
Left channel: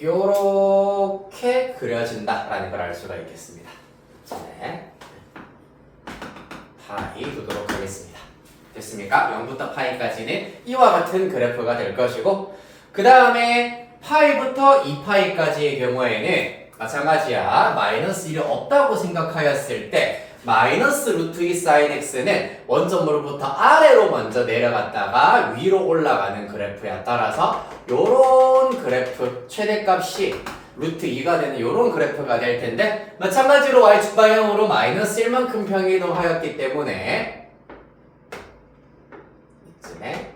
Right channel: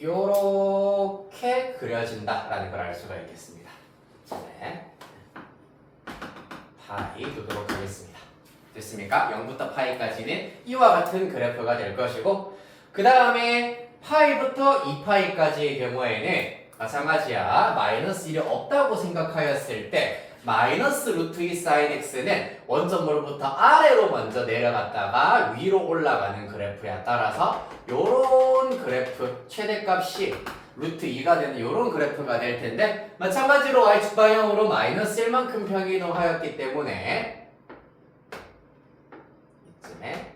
요렇게 그려진다라는 걸 알 수가 있겠습니다. 네. 파이 두도록 하겠습니다. 됐습니까? 0부터 파이까지는 이와 같은 그래프가 될 것이고 그 다음에 파이부터 2파이까지의 경우에는 마찬가지야. 마이너스 1이 없다고 생각하였을 때 마이너스 루트 2 sin x는 원점으로부터 아래로 먼저 내려갔다가 위로 올라가는 그래프야. 따라서 요런 그래프 최대값이 루트 2가 되는 요런 그래프가 될 텐데 마찬가지로 y축 방향으로 마이너스 1만큼 평이동하였기 때문에 이쯤에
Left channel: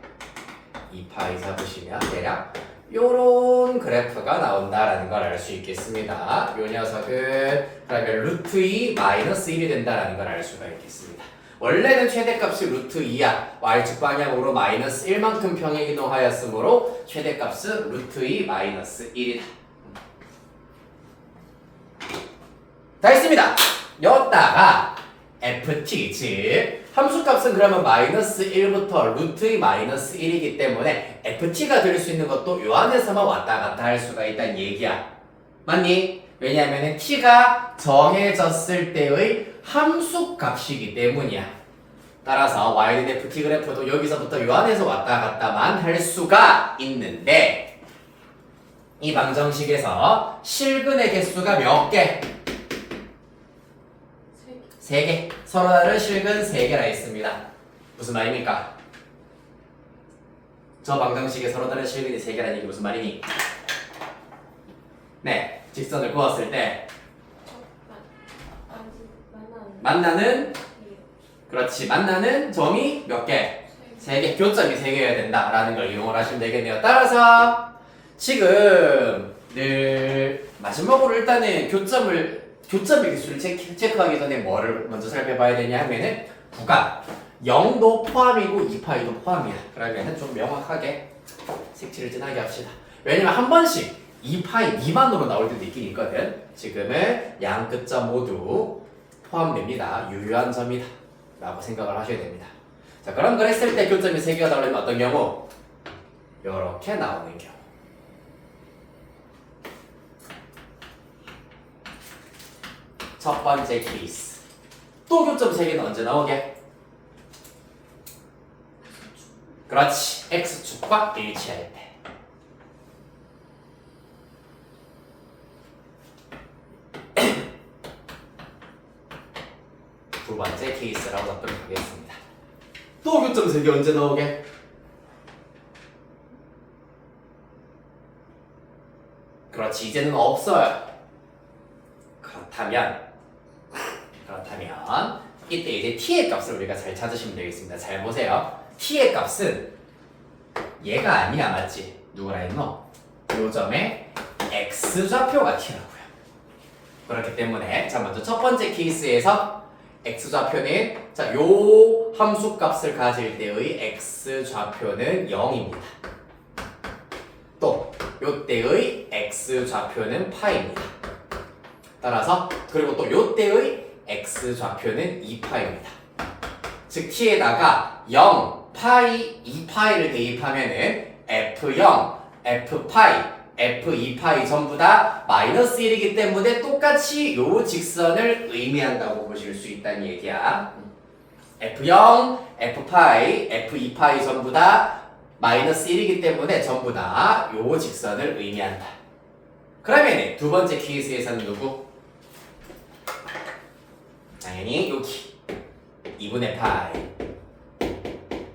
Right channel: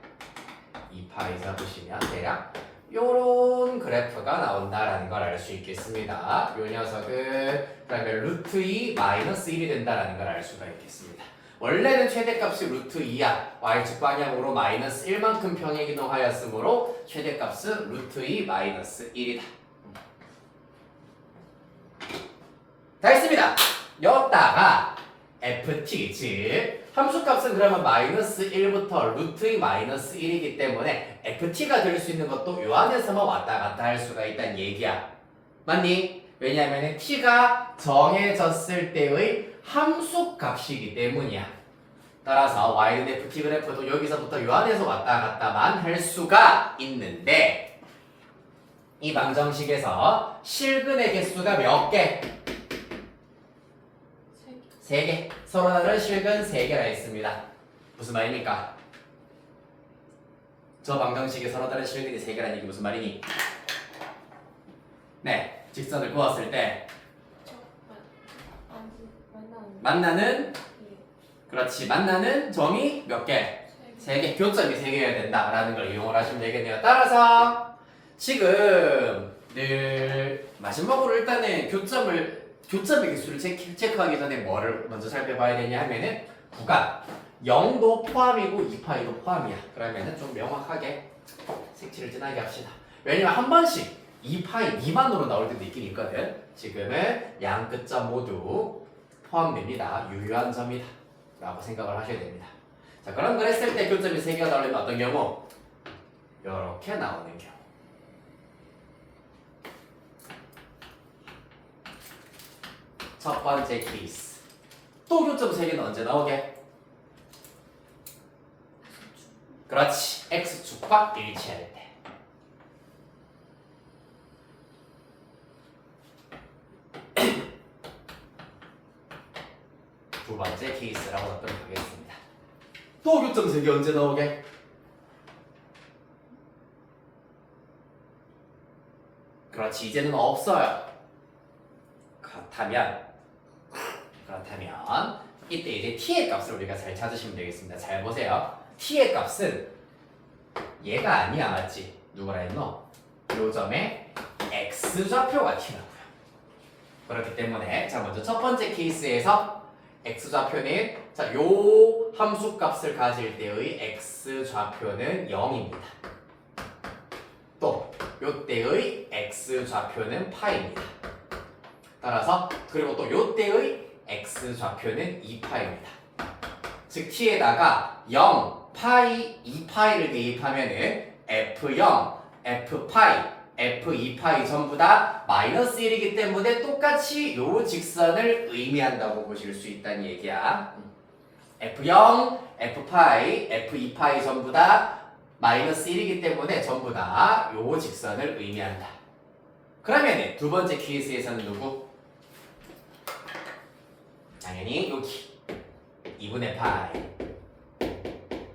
2파이 잡으시면 대략 요런 그래프가 나온다라는 걸 알 수 있겠습니다. 요 녀석은 그러면 루트 2 마이너스 1이 된다라는 걸 알 수가 있겠습니다. 원래는 최대값이 루트 2야. y축 방향으로 마이너스 1만큼 평행이동하였으므로 최대값은 루트 2 마이너스 1이다. 다 했습니다. 여기다가 ft 즉 함수값은 그러면 마이너스 1부터 루트의 마이너스 1이기 때문에 ft가 될 수 있는 것도 요 안에서만 왔다 갔다 할 수가 있다는 얘기야. 맞니? 왜냐하면 t가 정해졌을 때의 함수값이기 때문이야. 따라서 y는 ft 그래프도 여기서부터 요 안에서 왔다 갔다만 할 수가 있는데 이 방정식에서 실근의 개수가 몇 개? 3개. 서로 다른 실근 3개라 했습니다. 무슨 말입니까? 저 방정식에 서로 다른 실근이 3개라는 얘기 무슨 말이니? 네, 직선을 그었을 때 만나는 그렇지 만나는 점이 몇 개? 3개. 교점이 3개여야 된다라는 걸 이용을 하시면 되겠네요. 따라서 지금 늘 마지막으로 일단은 교점의 개수를 체크하기 전에 뭐를 먼저 살펴봐야 되냐 하면은 구간 0도 포함이고 2파이도 포함이야. 그러면은 좀 명확하게 색칠을 진하게 합시다. 왜냐면 한 번씩 2파이 미만으로 나올 때도 있긴 있거든. 지금은 양 끝점 모두 포함됩니다. 유효한 점이다 라고 생각을 하셔야 됩니다. 자, 그럼 그랬을 때 교점이 3개가 나오려면 어떤 경우? 이렇게 나오는 경우. 첫 번째 케이스. 또 교점 3개는 언제 나오게? 그렇지. x축과 일치할 때. 두 번째 케이스라고 답변을 하겠습니다. 또 교점 3개 언제 나오게? 그렇지. 이제는 없어요. 그렇다면 이때 이제 t의 값을 우리가 잘 찾으시면 되겠습니다. 잘 보세요. t의 값은 얘가 아니야, 맞지? 누구라 했노? 요 점에 x좌표가 t라고요. 그렇기 때문에 자 먼저 첫 번째 케이스에서 x좌표는 자 요 함수 값을 가질 때의 x좌표는 0입니다. 또 요때의 x좌표는 파입니다. 따라서 그리고 또 요때의 x좌표는 2파입니다. 즉 t에다가 0, 파이, 2파이를 대입하면은 f0, f파이, f2파이 전부 다 마이너스 1이기 때문에 똑같이 요 직선을 의미한다고 보실 수 있다는 얘기야. f0, f파이, f2파이 전부 다 마이너스 1이기 때문에 전부 다 요 직선을 의미한다. 그러면 두 번째 케이스에서는 누구? 당연히 여기 2분의 파이.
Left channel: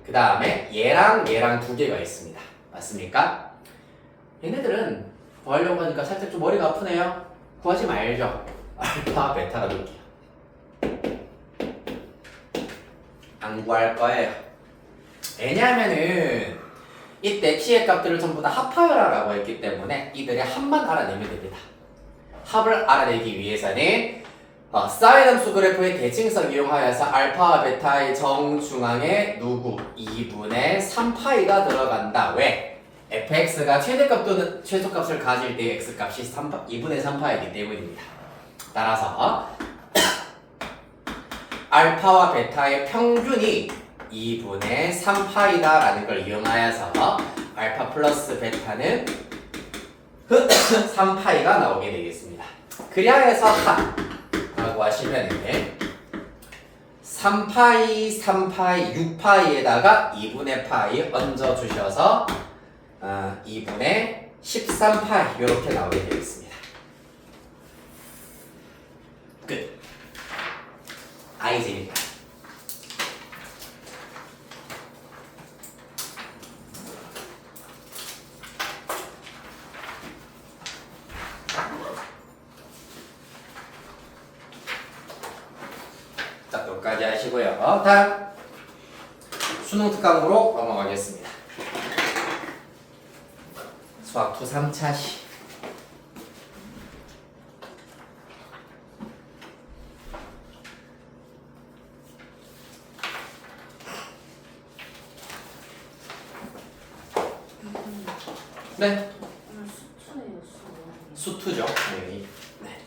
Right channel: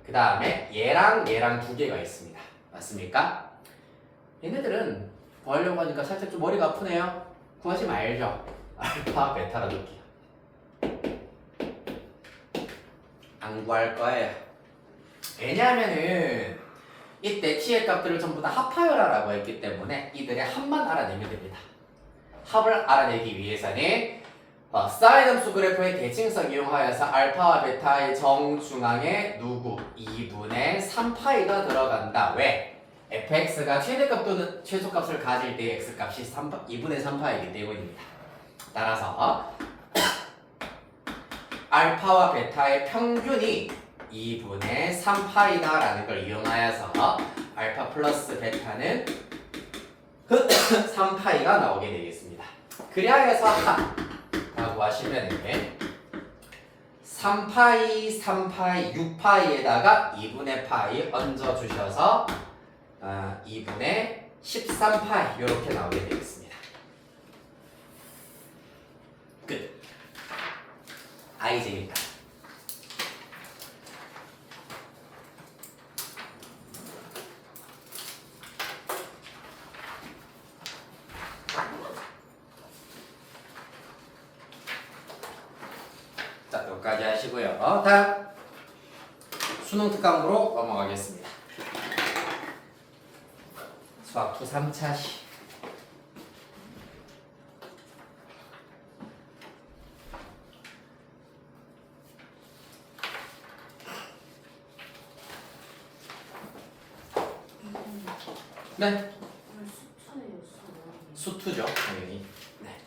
그 다음에 얘랑 두 개가 있습니다. 맞습니까? 얘네들은 구하려고 하니까 살짝 좀 머리가 아프네요. 구하지 말죠. 알파, 베타가 놓을게요. 안 구할 거예요. 왜냐하면은 이때 t의 값들을 전부 다 합하여라라고 했기 때문에 이들의 합만 알아내면 됩니다. 합을 알아내기 위해서는 사인 함수 그래프의 대칭성 이용하여서 알파와 베타의 정중앙에 누구? 2분의 3파이가 들어간다. 왜? fx가 최대값 또는 최소값을 가질 때의 x값이 2분의 3파이기 때문입니다. 따라서 알파와 베타의 평균이 2분의 3파이다 라는 걸 이용하여서 알파 플러스 베타는 3파이가 나오게 되겠습니다. 그리하여서 라고 하시면 3파이, 6파이에다가 2분의 파이 얹어주셔서 2분의 13파이 이렇게 나오게 되겠습니다. 끝. 이제니까. 자, 여기까지 하시고요. 다음 수능 특강으로 넘어가겠습니다. 수학 2 3차시. 네. 수투죠, 당연히. 네.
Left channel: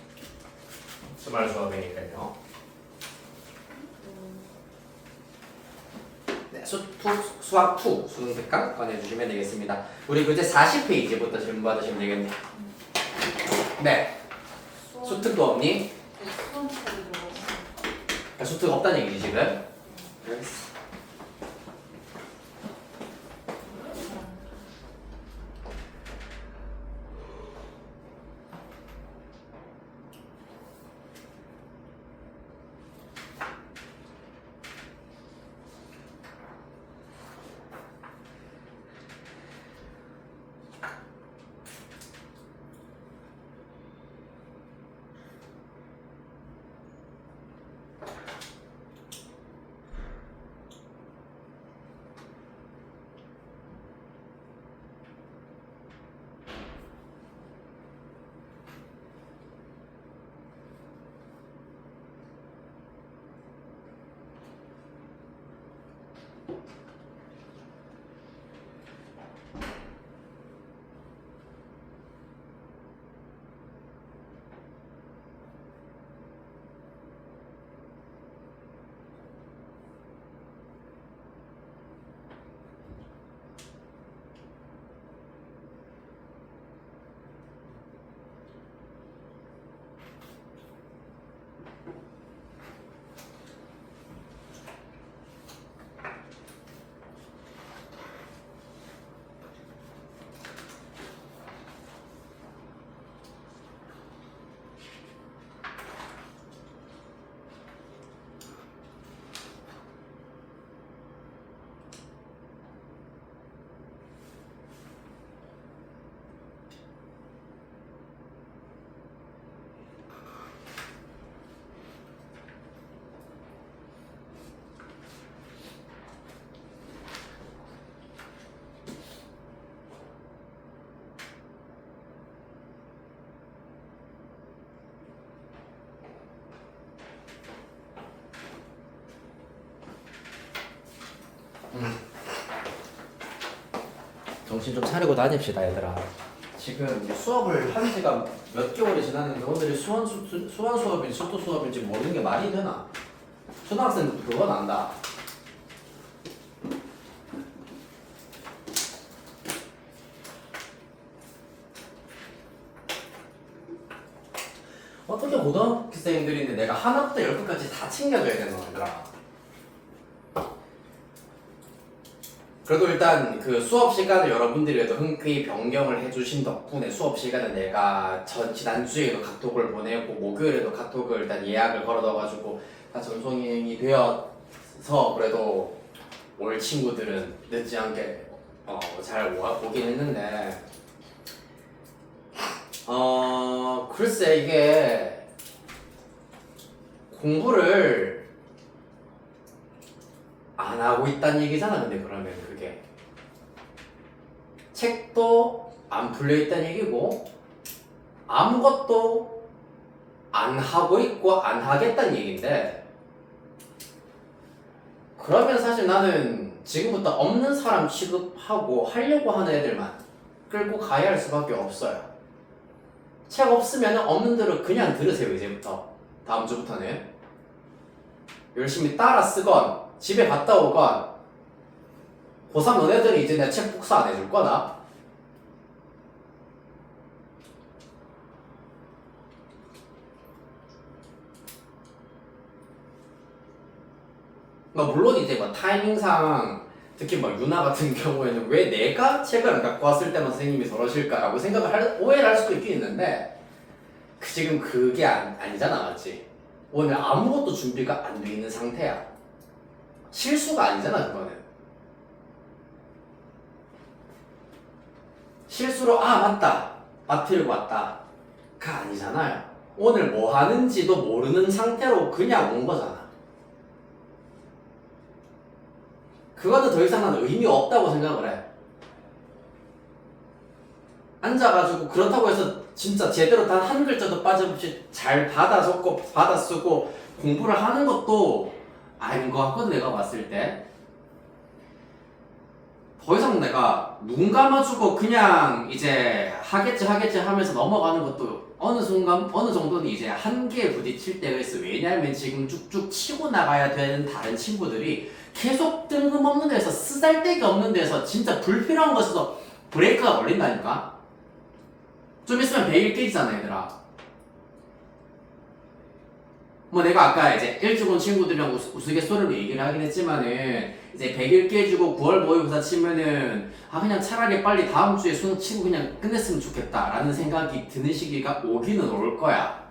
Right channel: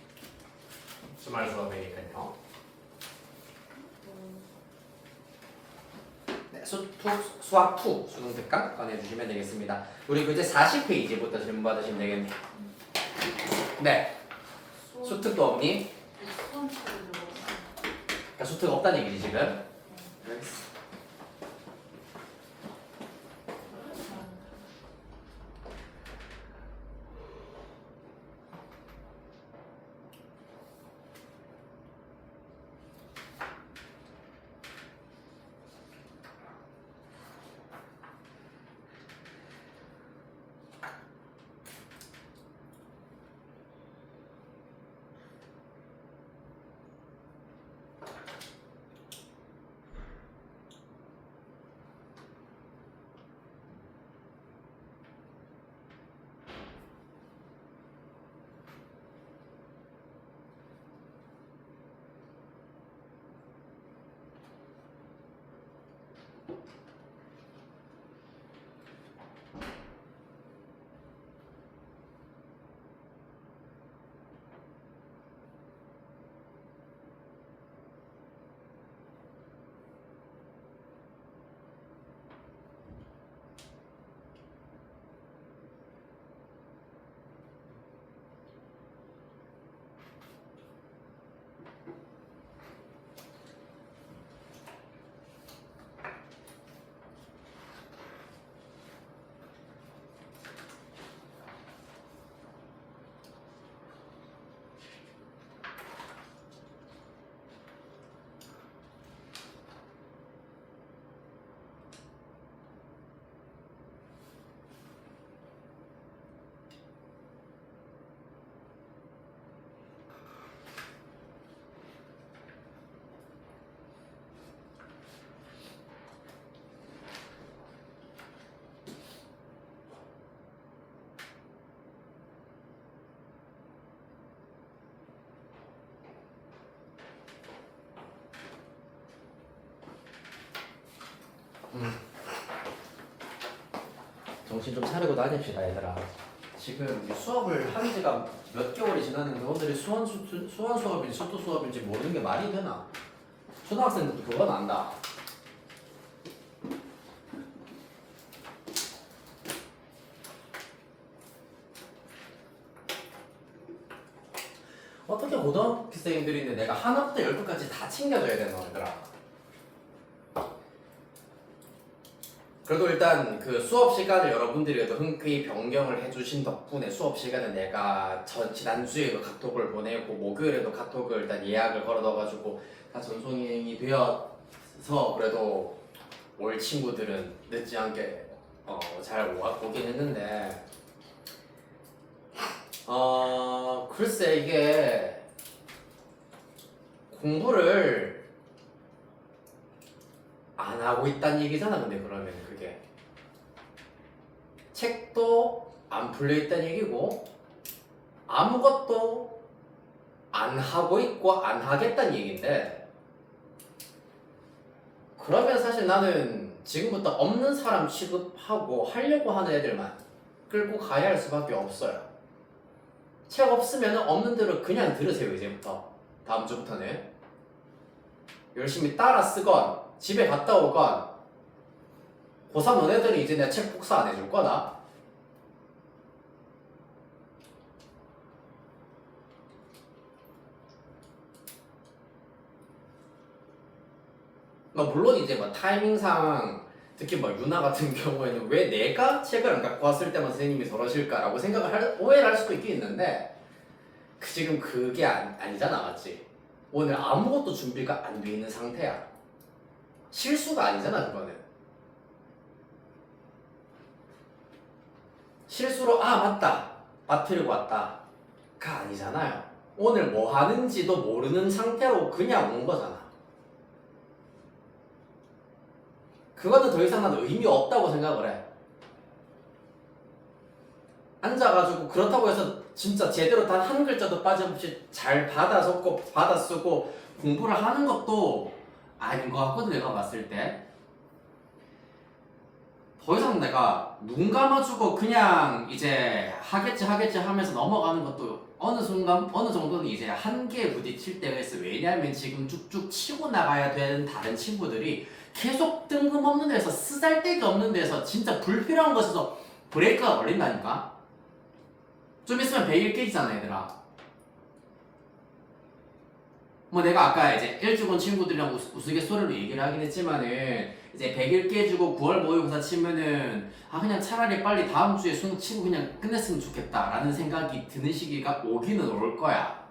주말 수업이니까요. 수학 2 수능 특강 꺼내주시면 되겠습니다. 우리 이제 40페이지부터 질문 받으시면 되겠네요. 네. 수특도 없니? 수험 처리로. 수특 없다는 얘기지 지금? 정신 좀 차리고 다닙시다 얘들아. 지금 이제 수업을 한 지가 몇 개월이 지났는데 오늘이 수원 수업인지 수도 수업인지 모르는 게 말이 되나? 초등학생들도 그건 안다. 어떻게 고등학생들인데 내가 하나부터 10까지 다 챙겨줘야 되는 거더라. 그래도 일단 그 수업 시간을 여러분들이 흔쾌히 변경을 해주신 덕분에 수업 시간에 내가 지난주에도 카톡을 보내고 목요일에도 카톡을 일단 예약을 걸어둬가지고 다 전송이 되어서 그래도 올 친구들은 늦지 않게 잘 오긴 했는데 글쎄 이게 공부를 안 하고 있다는 얘기잖아. 근데 그러면 그게 책도 안 풀려 있다는 얘기고 아무것도 안 하고 있고 안 하겠다는 얘기인데, 그러면 사실 나는 지금부터 없는 사람 취급하고 하려고 하는 애들만 끌고 가야 할 수밖에 없어요. 책 없으면 없는 대로 그냥 들으세요. 이제부터 다음 주부터는 열심히 따라 쓰건 집에 갔다 오건 고3 너네들이 이제 내 책 복사 안 해줄 거다. 물론 이제 타이밍상 특히 유나 같은 경우에는 왜 내가 책을 안 갖고 왔을 때만 선생님이 저러실까라고 오해를 할 수도 있긴 있는데 지금 그게 아니잖아. 맞지? 오늘 아무것도 준비가 안 돼 있는 상태야. 실수가 아니잖아. 그거는 실수로 맞다 마트를 왔다 가 아니잖아요. 오늘 뭐 하는지도 모르는 상태로 그냥 온 거잖아. 그거는 더 이상 난 의미 없다고 생각을 해. 앉아가지고 그렇다고 해서 진짜 제대로 단 한 글자도 빠짐없이 잘 받아 적고 받아 쓰고 공부를 하는 것도 아닌 것 같거든. 내가 봤을 때 더 이상 내가 눈 감아주고 그냥 이제 하겠지 하면서 넘어가는 것도 어느 순간 어느 정도는 이제 한계에 부딪힐 때가 있어. 왜냐하면 지금 쭉쭉 치고 나가야 되는 다른 친구들이 계속 뜬금없는 데서 쓰잘데기 없는 데서 진짜 불필요한 것에서 브레이크가 걸린다니까. 좀 있으면 100일 깨지잖아 얘들아. 뭐 내가 아까 이제 일주군 친구들이랑 우스갯소리로 얘기를 하긴 했지만은 이제 100일 깨지고 9월 모의고사 치면은 그냥 차라리 빨리 다음 주에 수능 치고 그냥 끝냈으면 좋겠다라는 생각이 드는 시기가 오기는 올 거야.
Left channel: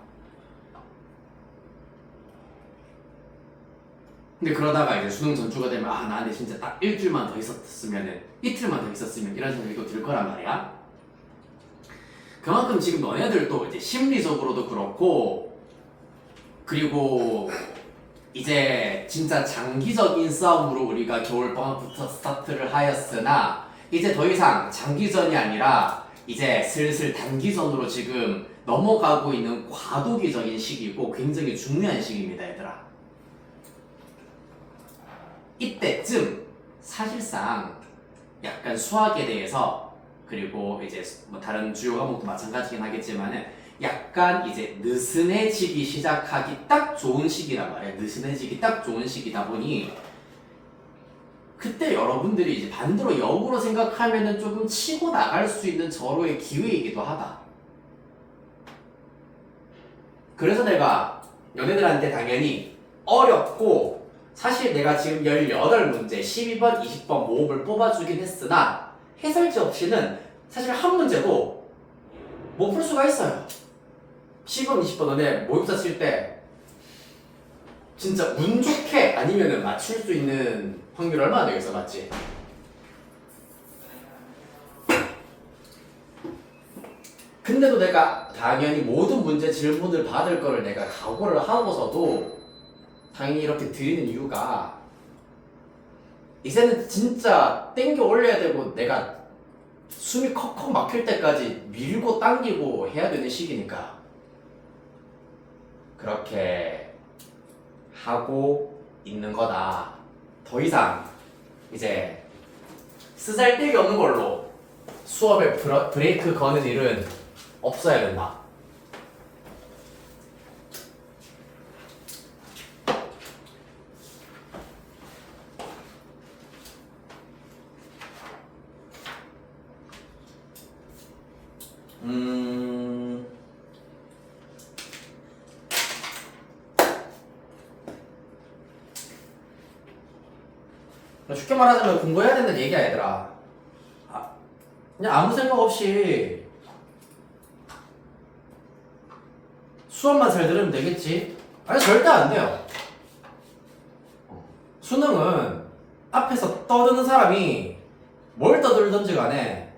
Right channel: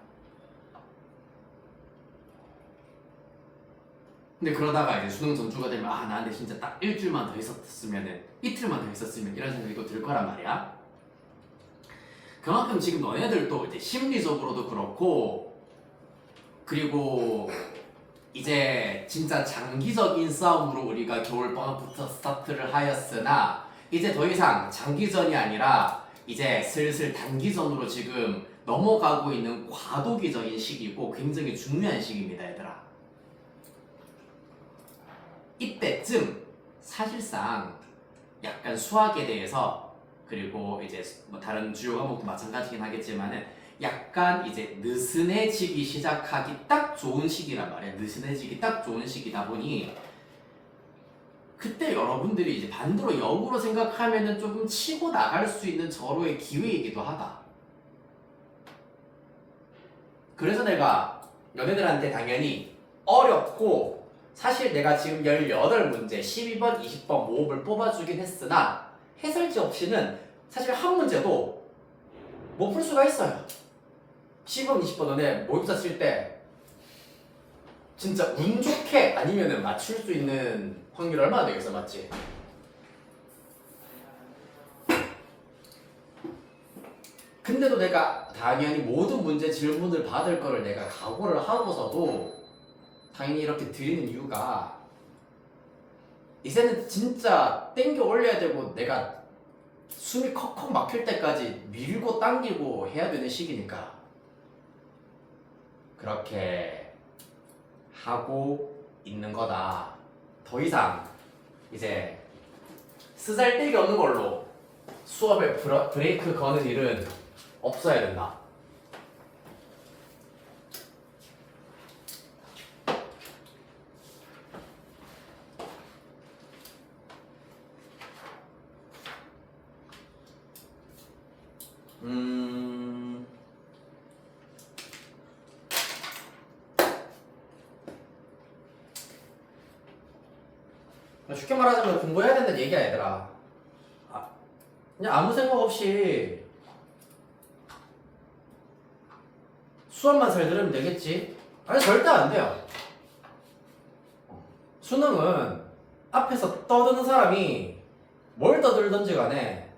근데 그러다가 이제 수능 전주가 되면 나한테 진짜 딱 일주일만 더 있었으면은 이틀만 더 있었으면 이런 생각이 또 들 거란 말이야. 그만큼 지금 너네들도 이제 심리적으로도 그렇고 그리고 이제 진짜 장기적인 싸움으로 우리가 겨울방학부터 스타트를 하였으나 이제 더 이상 장기전이 아니라 이제 슬슬 단기전으로 지금 넘어가고 있는 과도기적인 시기고 굉장히 중요한 시기입니다 얘들아. 이때쯤 사실상 약간 수학에 대해서 그리고 이제 뭐 다른 주요 과목도 마찬가지긴 하겠지만은 약간 이제 느슨해지기 시작하기 딱 좋은 시기란 말이야. 느슨해지기 딱 좋은 시기다 보니 그때 여러분들이 이제 반대로 역으로 생각하면은 조금 치고 나갈 수 있는 절호의 기회이기도 하다. 그래서 내가 너네들한테 당연히 어렵고 사실 내가 지금 18문제 12번 20번 모음을 뽑아주긴 했으나 해설지 없이는 사실 한 문제도 못 풀 수가 있어요. 10번 20번 너네 모의고사 칠 때 진짜 운 좋게 아니면은 맞출 수 있는 확률 얼마나 되겠어, 맞지? 근데도 내가 당연히 모든 문제 질문을 받을 거를 내가 각오를 하고서도 당연히 이렇게 드리는 이유가 이제는 진짜 땡겨 올려야 되고 내가 숨이 컥컥 막힐 때까지 밀고 당기고 해야 되는 시기니까 그렇게 하고 있는 거다. 더 이상 이제 쓰잘데기 없는 걸로 수업에 브레이크 거는 일은 없어야 된다. 쉽게 말하자면 공부해야 된다는 얘기야 얘들아. 그냥 아무 생각 없이 수업만 잘 들으면 되겠지? 아니 절대 안 돼요. 수능은 앞에서 떠드는 사람이 뭘 떠들든지 간에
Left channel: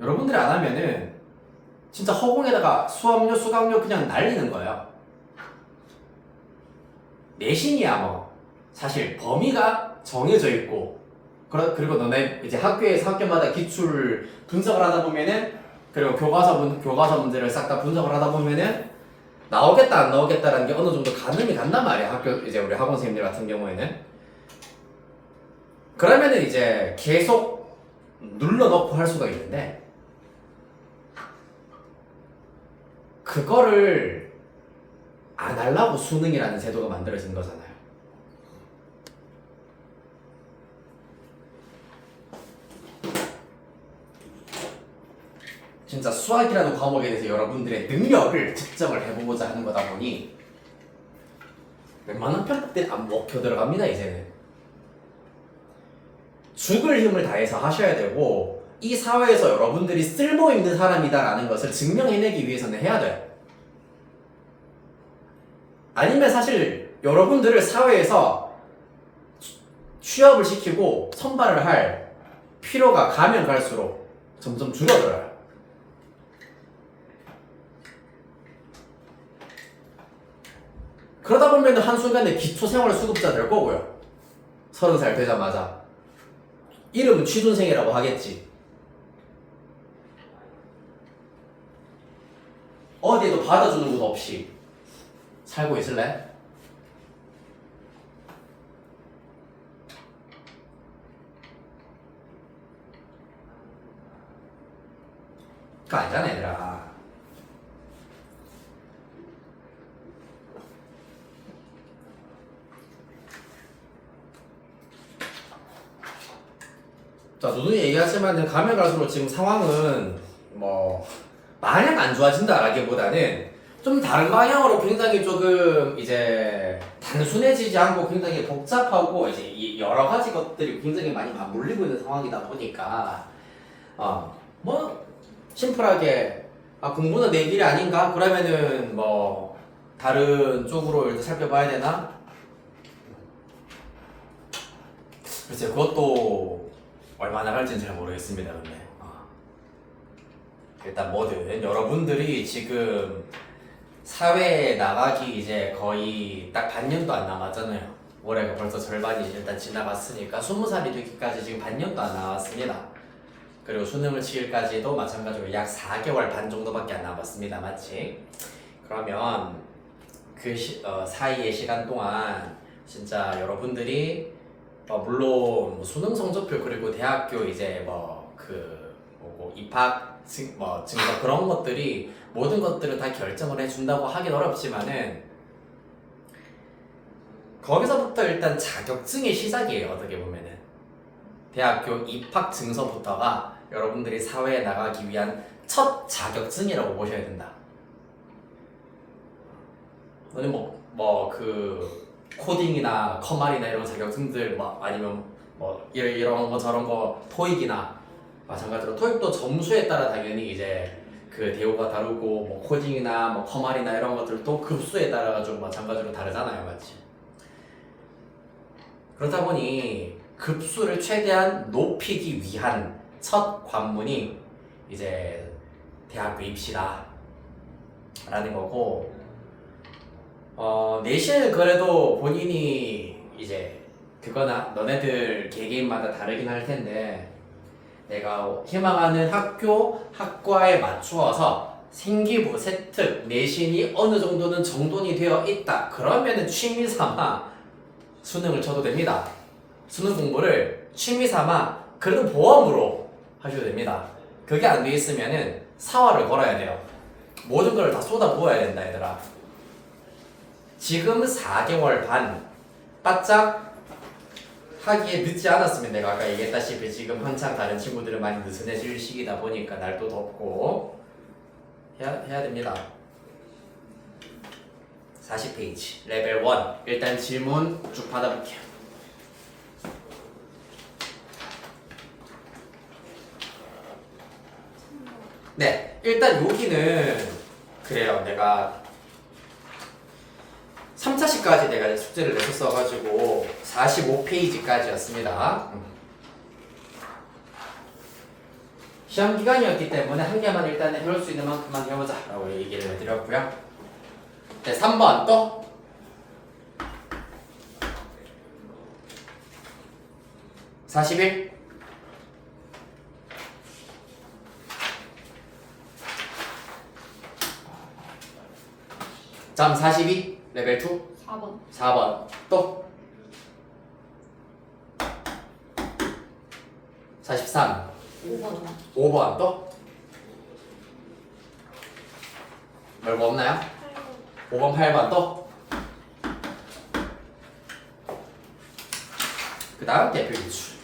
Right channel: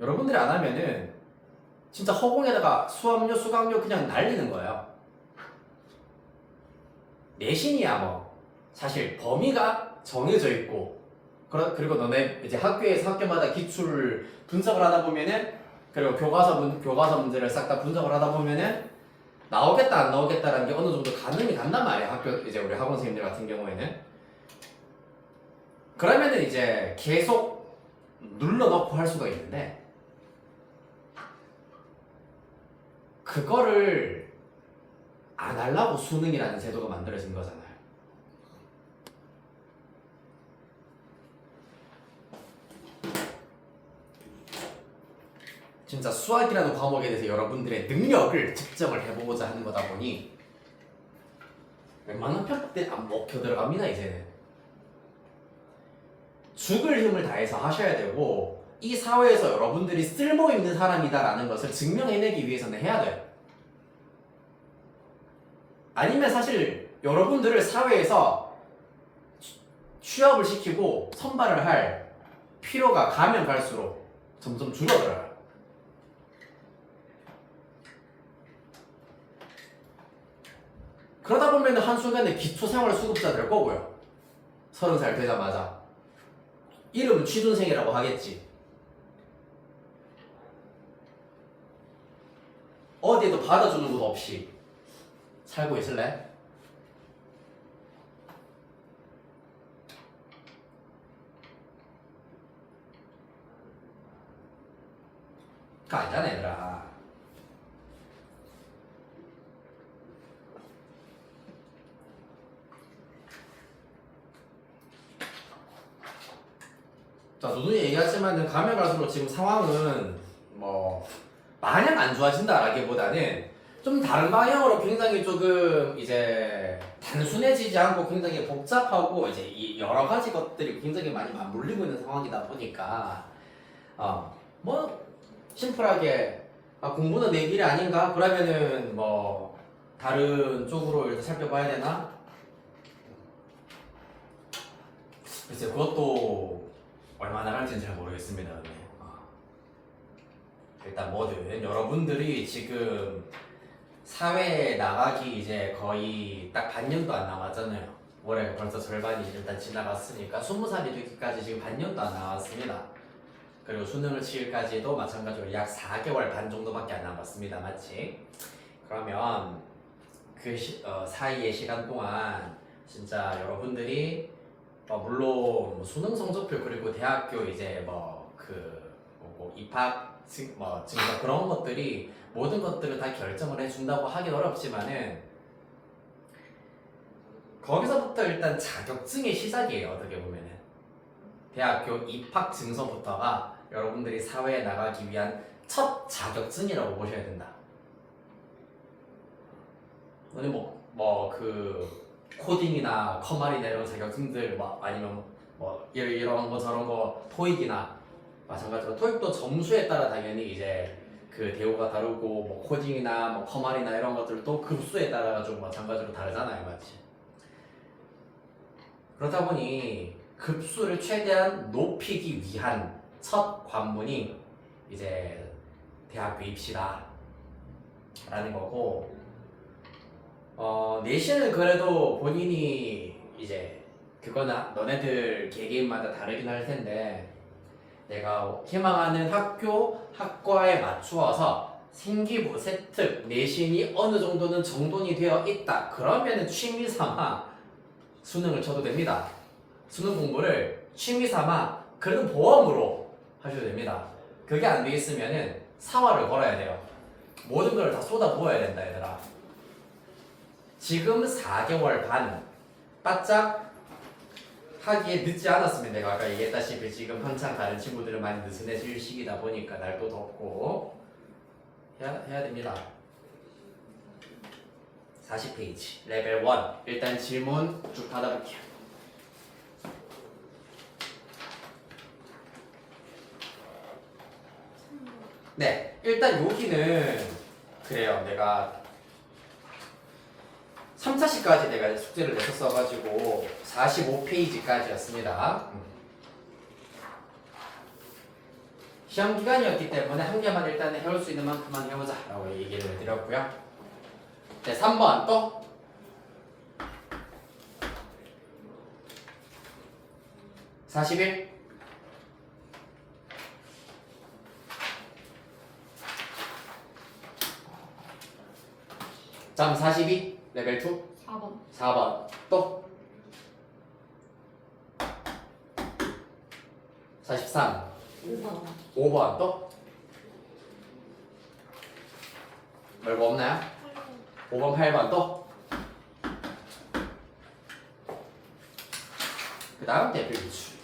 여러분들이 안 하면은 진짜 허공에다가 수업료 수강료 그냥 날리는 거예요. 내신이야 뭐 사실 범위가 정해져 있고 그리고 너네 이제 학교마다 기출 분석을 하다 보면은 그리고 교과서 문제를 싹 다 분석을 하다 보면은 나오겠다 안 나오겠다라는 게 어느 정도 가늠이 간단 말이야. 이제 우리 학원 선생님들 같은 경우에는 그러면은 이제 계속 눌러넣고 할 수가 있는데 그거를 안 하려고 수능이라는 제도가 만들어진 거잖아요. 진짜 수학이라는 과목에 대해서 여러분들의 능력을 측정을 해보고자 하는 거다 보니 웬만한 편법들이 안 먹혀 들어갑니다. 이제는 죽을 힘을 다해서 하셔야 되고 이 사회에서 여러분들이 쓸모있는 사람이다라는 것을 증명해내기 위해서는 해야 돼요. 아니면 사실 여러분들을 사회에서 취업을 시키고 선발을 할 필요가 가면 갈수록 점점 줄어들어요. 그러다 보면 한순간에 기초생활수급자 될 거고요. 30살 되자마자 이름은 취준생이라고 하겠지. 어디에도 받아주는 곳 없이 살고 있을래? 그거 아니잖아 얘들아. 자, 누누이 얘기하지만은 가면 갈수록 지금 상황은 뭐 마냥 안 좋아진다라기보다는 좀 다른 방향으로 굉장히 조금 이제 단순해지지 않고 굉장히 복잡하고 이제 이 여러 가지 것들이 굉장히 많이 맞물리고 있는 상황이다 보니까 뭐 심플하게 공부는 내 길이 아닌가? 그러면은 뭐 다른 쪽으로 일단 살펴봐야 되나? 글쎄 그것도 얼마나 갈지는 잘 모르겠습니다. 근데 일단 뭐든 여러분들이 지금 사회에 나가기 이제 거의 딱 반년도 안 남았잖아요. 올해가 벌써 절반이 일단 지나갔으니까 20살이 되기까지 지금 반년도 안 남았습니다. 그리고 수능을 치기까지도 마찬가지로 약 4개월 반 정도밖에 안 남았습니다. 맞지? 그러면 그 사이의 시간 동안 진짜 여러분들이 물론 뭐 수능 성적표 그리고 대학교 이제 뭐고 입학 증거 그런 것들이 모든 것들을 다 결정을 해준다고 하긴 어렵지만은 거기서부터 일단 자격증의 시작이에요. 어떻게 보면은 대학교 입학 증서부터가 여러분들이 사회에 나가기 위한 첫 자격증이라고 보셔야 된다. 너는 그 코딩이나 커말이나 이런 자격증들 아니면 이런 거 저런 거 토익이나 마찬가지로 토익도 점수에 따라 당연히 이제 그 대우가 다르고 뭐 코딩이나 뭐 커말이나 이런 것들도 급수에 따라 가지고 마찬가지로 다르잖아요. 맞지? 그러다 보니 급수를 최대한 높이기 위한 첫 관문이 이제 대학교 입시다 라는 거고 내신은 그래도 본인이 이제 그거나 너네들 개개인마다 다르긴 할 텐데 내가 희망하는 학과에 맞추어서 생기부, 세특, 내신이 어느 정도는 정돈이 되어 있다. 그러면은 취미 삼아 수능을 쳐도 됩니다. 수능 공부를 취미 삼아 그래도 보험으로 하셔도 됩니다. 그게 안 돼 있으면은 사활을 걸어야 돼요. 모든 걸 다 쏟아 부어야 된다, 얘들아. 지금 4개월 반 바짝 하기에 늦지 않았으면 내가 아까 얘기했다시피 지금 한창 다른 친구들은 많이 느슨해질 시기다 보니까 날도 덥고 해야 됩니다. 40페이지 레벨 1 일단 질문 쭉 받아볼게요. 네, 일단 여기는 그래요. 내가 3차시까지 내가 숙제를 냈었어가지고 45페이지까지였습니다. 시험 기간이었기 때문에 한 개만 일단 해볼 수 있는 만큼만 해보자 라고 얘기를 해드렸고요. 네, 3번 또 (41) 점 42 레벨 2 4번. 4번 또 43 5번. 5번 또 별거 없나요? 5번 8번 또 그 다음 대표 기출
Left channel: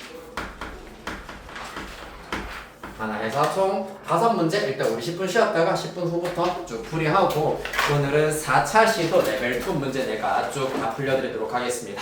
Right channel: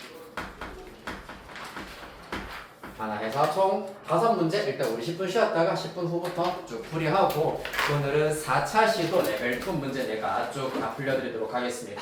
하나 해서 총 5문제 일단 우리 10분 쉬었다가 10분 후부터 쭉 풀이하고 오늘은 4차 시도 레벨 2 문제 내가 쭉 다 풀려드리도록 하겠습니다.